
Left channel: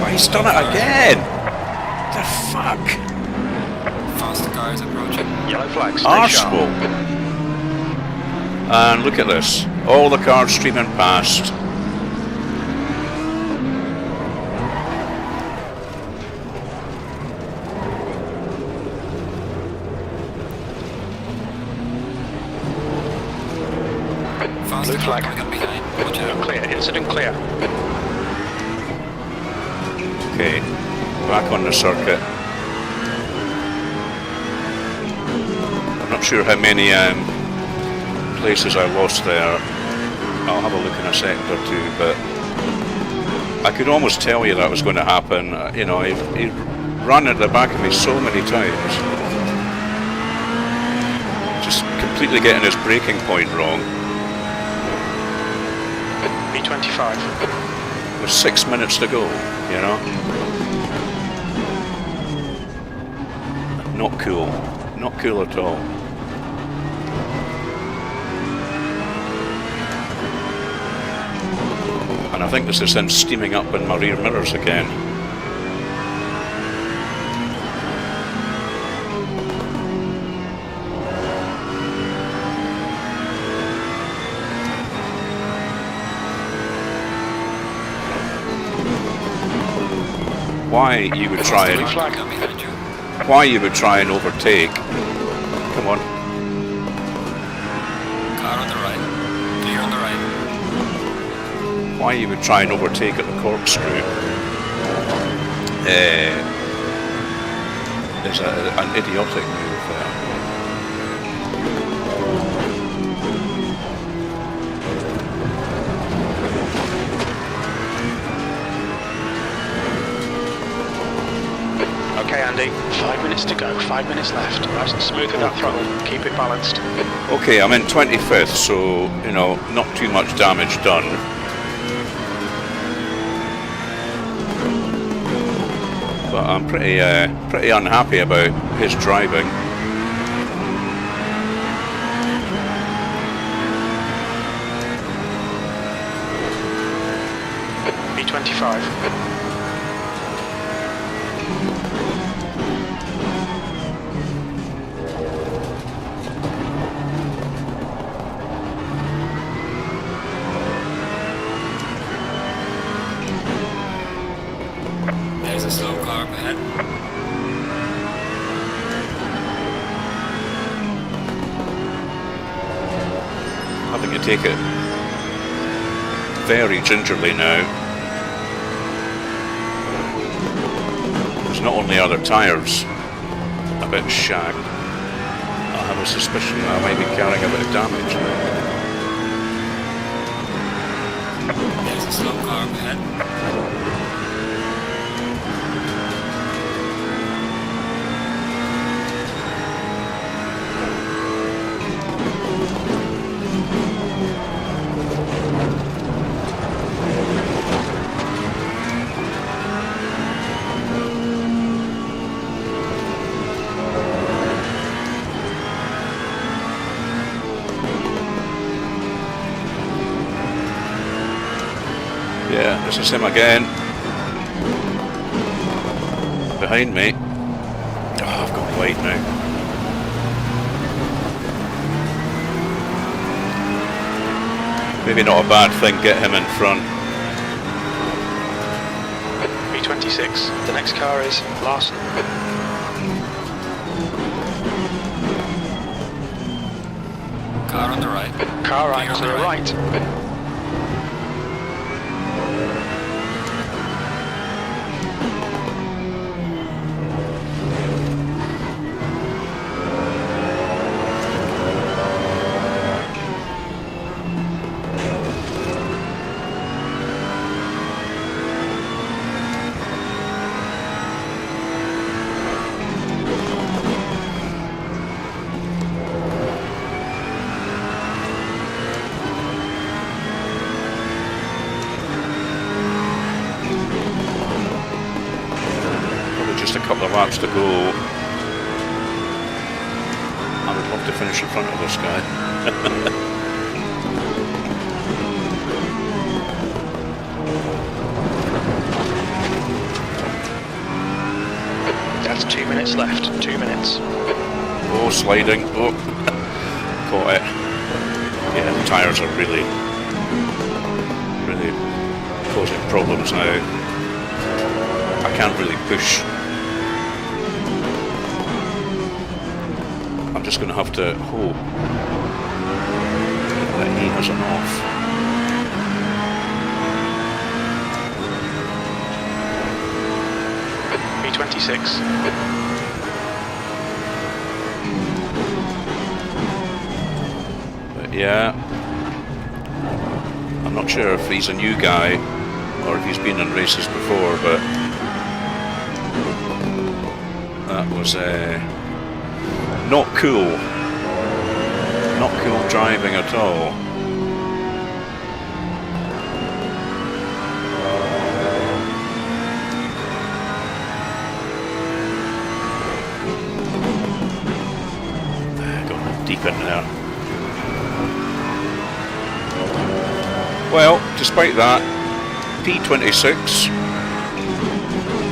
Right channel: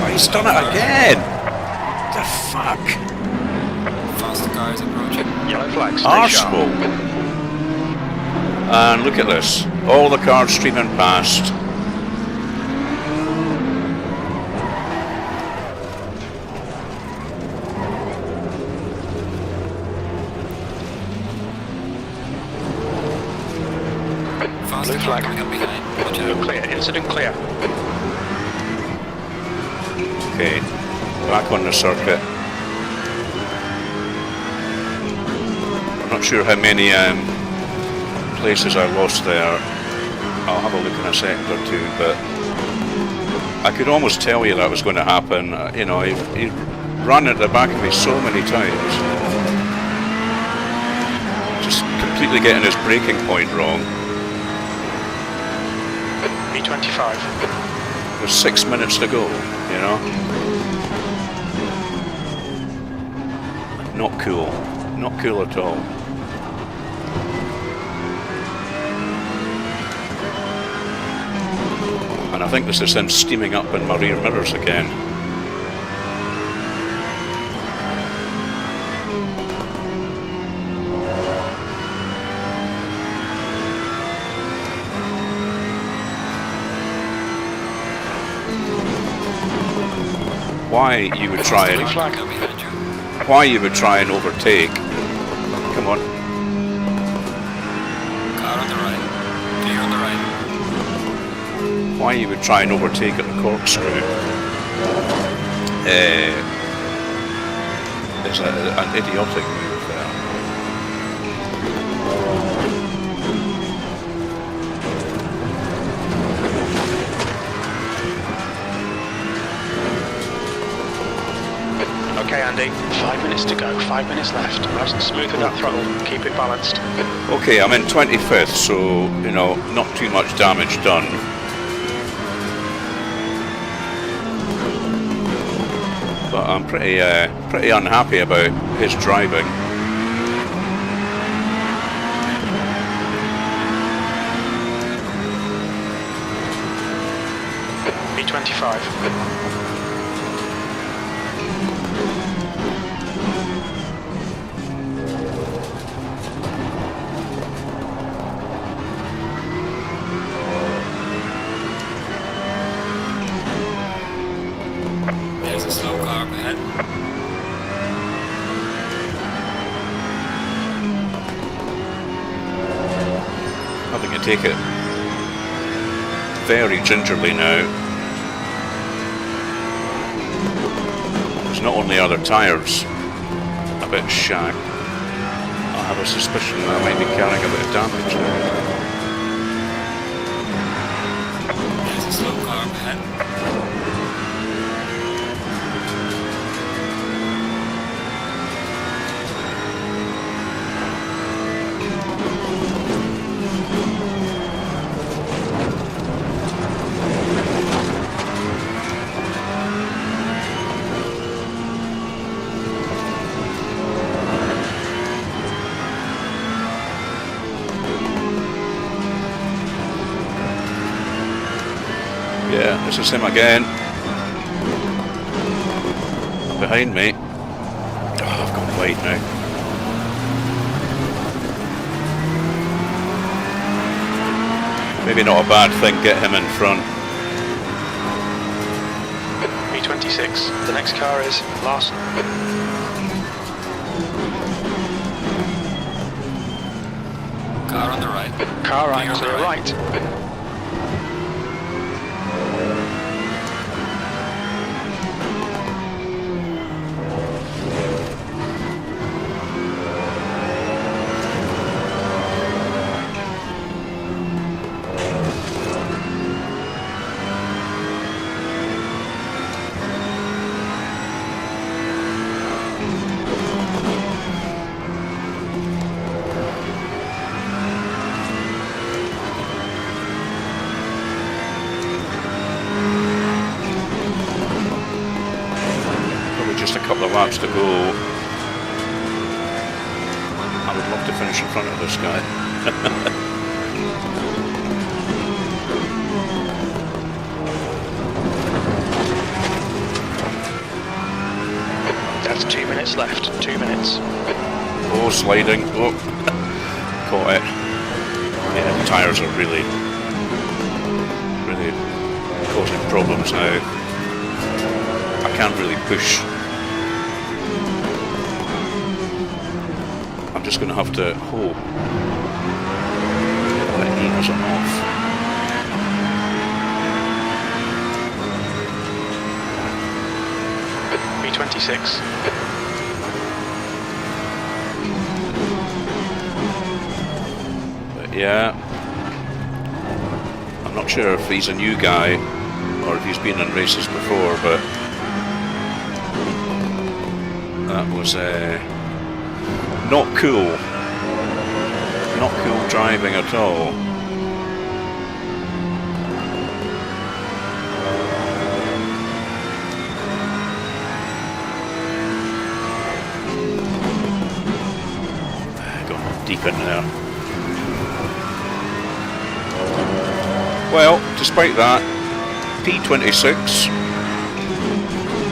Oh, he's done it again! The fuck? Faster car is approaching. Yellow flag. Stay sharp. Arsehole! And look at this. All the cars streaming past. Faster Blue car flag. coming up behind. Watch out. Clear. Incident clear. Okay, back on the circuit. I'm not sure how many places I lost there. I'll have a look in a second or two, but I could almost tell you that was going to happen. You know, he ran at the back of me so many times. Just completely getting his braking point wrong. B25. With 6 minutes to go, you know? Not cool. Not cool at all. And I think this is him steaming up in my rear mirrors again. why you would try Blue and flag. Come behind you. why you would try and overtake. Come on. Car on the right. Clear on the right. Why you would try and overtake at the corkscrew is an idiotic move there. Okay, Andy, 5 minutes to go, 5 minutes left. Nice and smooth with that throttle, keep it balanced. Okay, I'm in 25th, so, you know, not too much damage done. But I'm pretty unhappy about his driving. B25. There's a slow car up ahead. Having to take it very gingerly now. Because not only are their tyres a bit shagged, I have a suspicion that I might be carrying a bit of damage now. There's a slow car up ahead. Yeah, this is him again. Behind me. Oh, I've gone wide now. Maybe not a bad thing, get him in front. B26. The next car is Larson. Car on the right. Car right, Clear on the clear right. right. Just a couple of laps to go. I would love to finish in front of this guy. That's 2 minutes left, 2 minutes. Oh, sliding. Oh, caught it. Yeah, the tyres are really causing problems now. I can't really push. I'm just going to have to hope that he has an off. B26. But yeah, I'm not sure if he's a new guy or if he's been in races before, but that was not cool. Not cool driving at all. Going deep in there. Well, despite that, P26,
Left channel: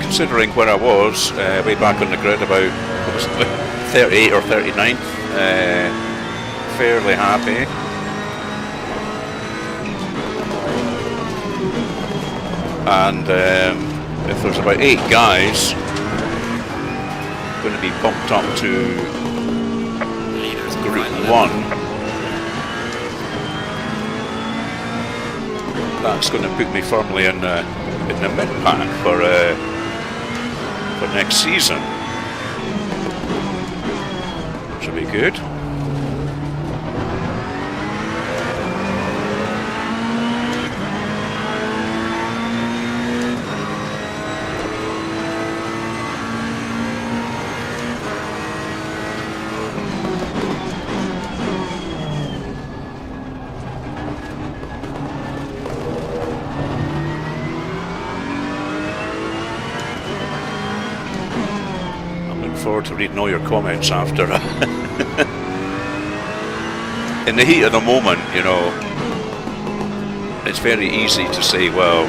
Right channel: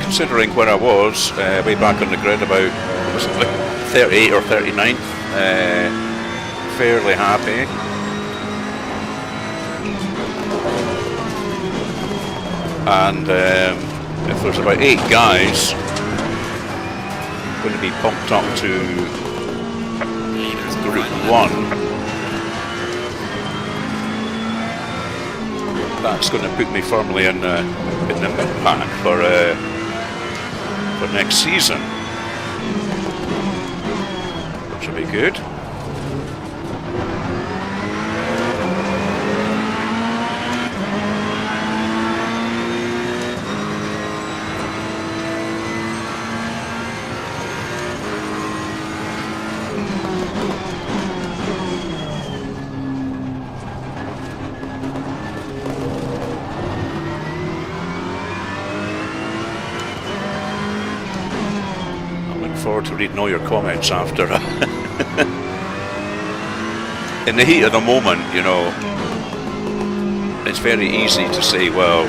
considering where I was way back on the grid, about what was it, 38 or 39th, fairly happy. And if there's about 8 guys going to be pumped up to Leaders Group final 1, that's going to put me firmly in the mid-pack for next season, which will be good. Forward to reading all your comments after. In the heat of the moment, you know, it's very easy to say, well,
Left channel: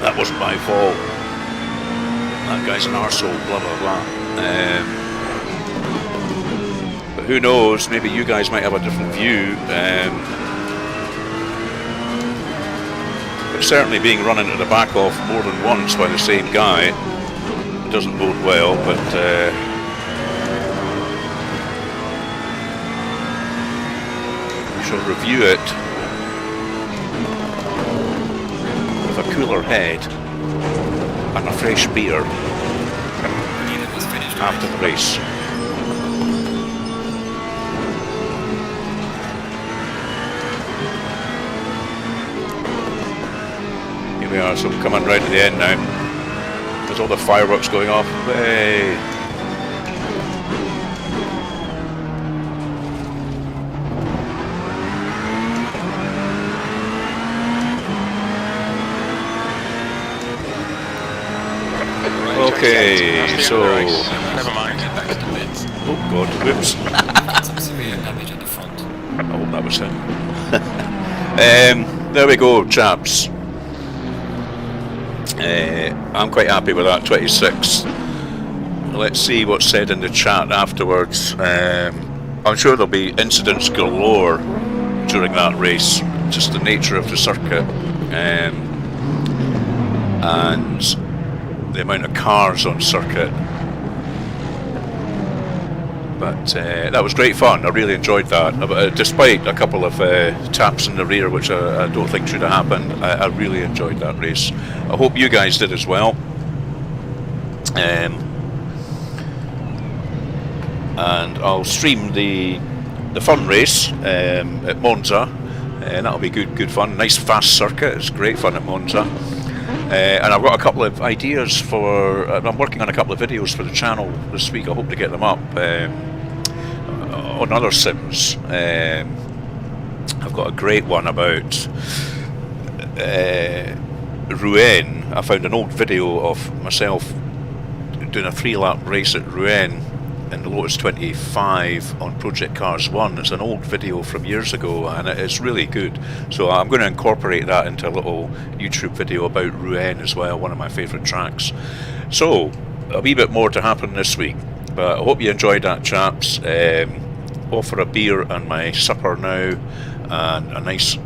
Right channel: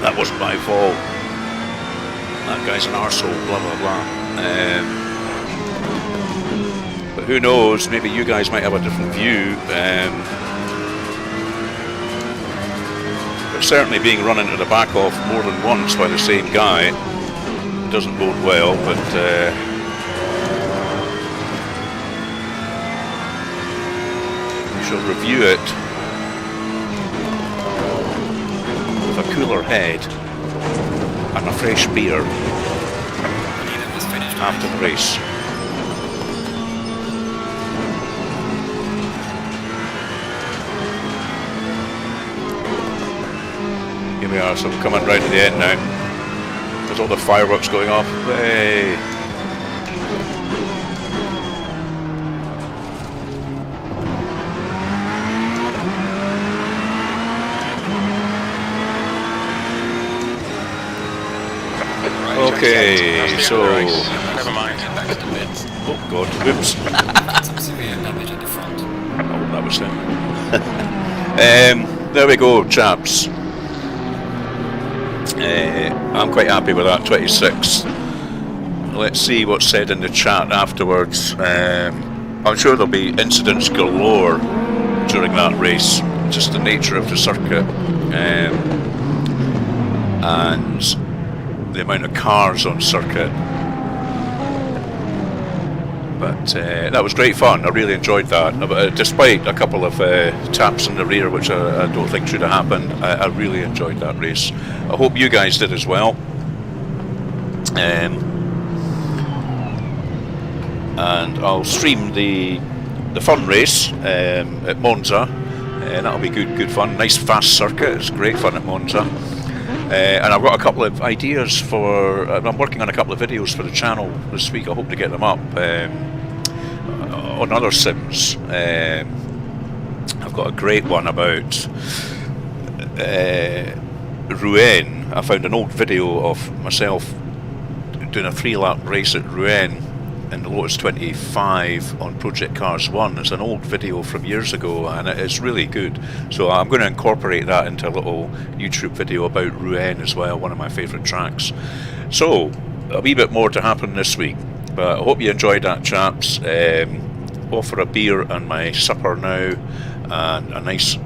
that wasn't my fault, that guy's an arsehole, blah blah blah. But who knows, maybe you guys might have a different view. But certainly being run into the back of more than once by the same guy doesn't bode well, but we shall review it with a cooler head and a fresh beer after the race. Here we are, so I'm coming right to the end now. There's all the fireworks going off. Hey. Okay, so never mind. back to the pits. oh god, whoops. Some severe damage at the front. I hope that was him. There we go, chaps. I'm quite happy with that 26. Let's see what's said in the chat afterwards. I'm sure there'll be incidents galore during that race, just the nature of the circuit, and the amount of cars on circuit. But that was great fun. I really enjoyed that. Despite a couple of taps in the rear, which I don't think should have happened, I really enjoyed that race. I hope you guys did as well. And I'll stream the fun race at Monza. That'll be good fun. Nice fast circuit. It's great fun at Monza. And I've got a couple of ideas for. I'm working on a couple of videos for the channel this week. I hope to get them up on other sims. I've got a great one about Rouen. I found an old video of myself doing a 3-lap race at Rouen in the Lotus 25 on Project Cars 1. It's an old video from years ago and it's really good. So I'm going to incorporate that into a little YouTube video about Rouen as well, one of my favourite tracks. So a wee bit more to happen this week, but I hope you enjoyed that, chaps. Off for a beer and my supper now, and a nice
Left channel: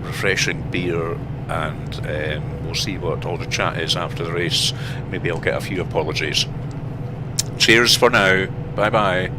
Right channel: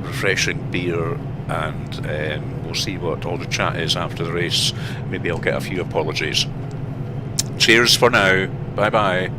refreshing beer, and we'll see what all the chat is after the race. Maybe I'll get a few apologies. Cheers for now. Bye bye.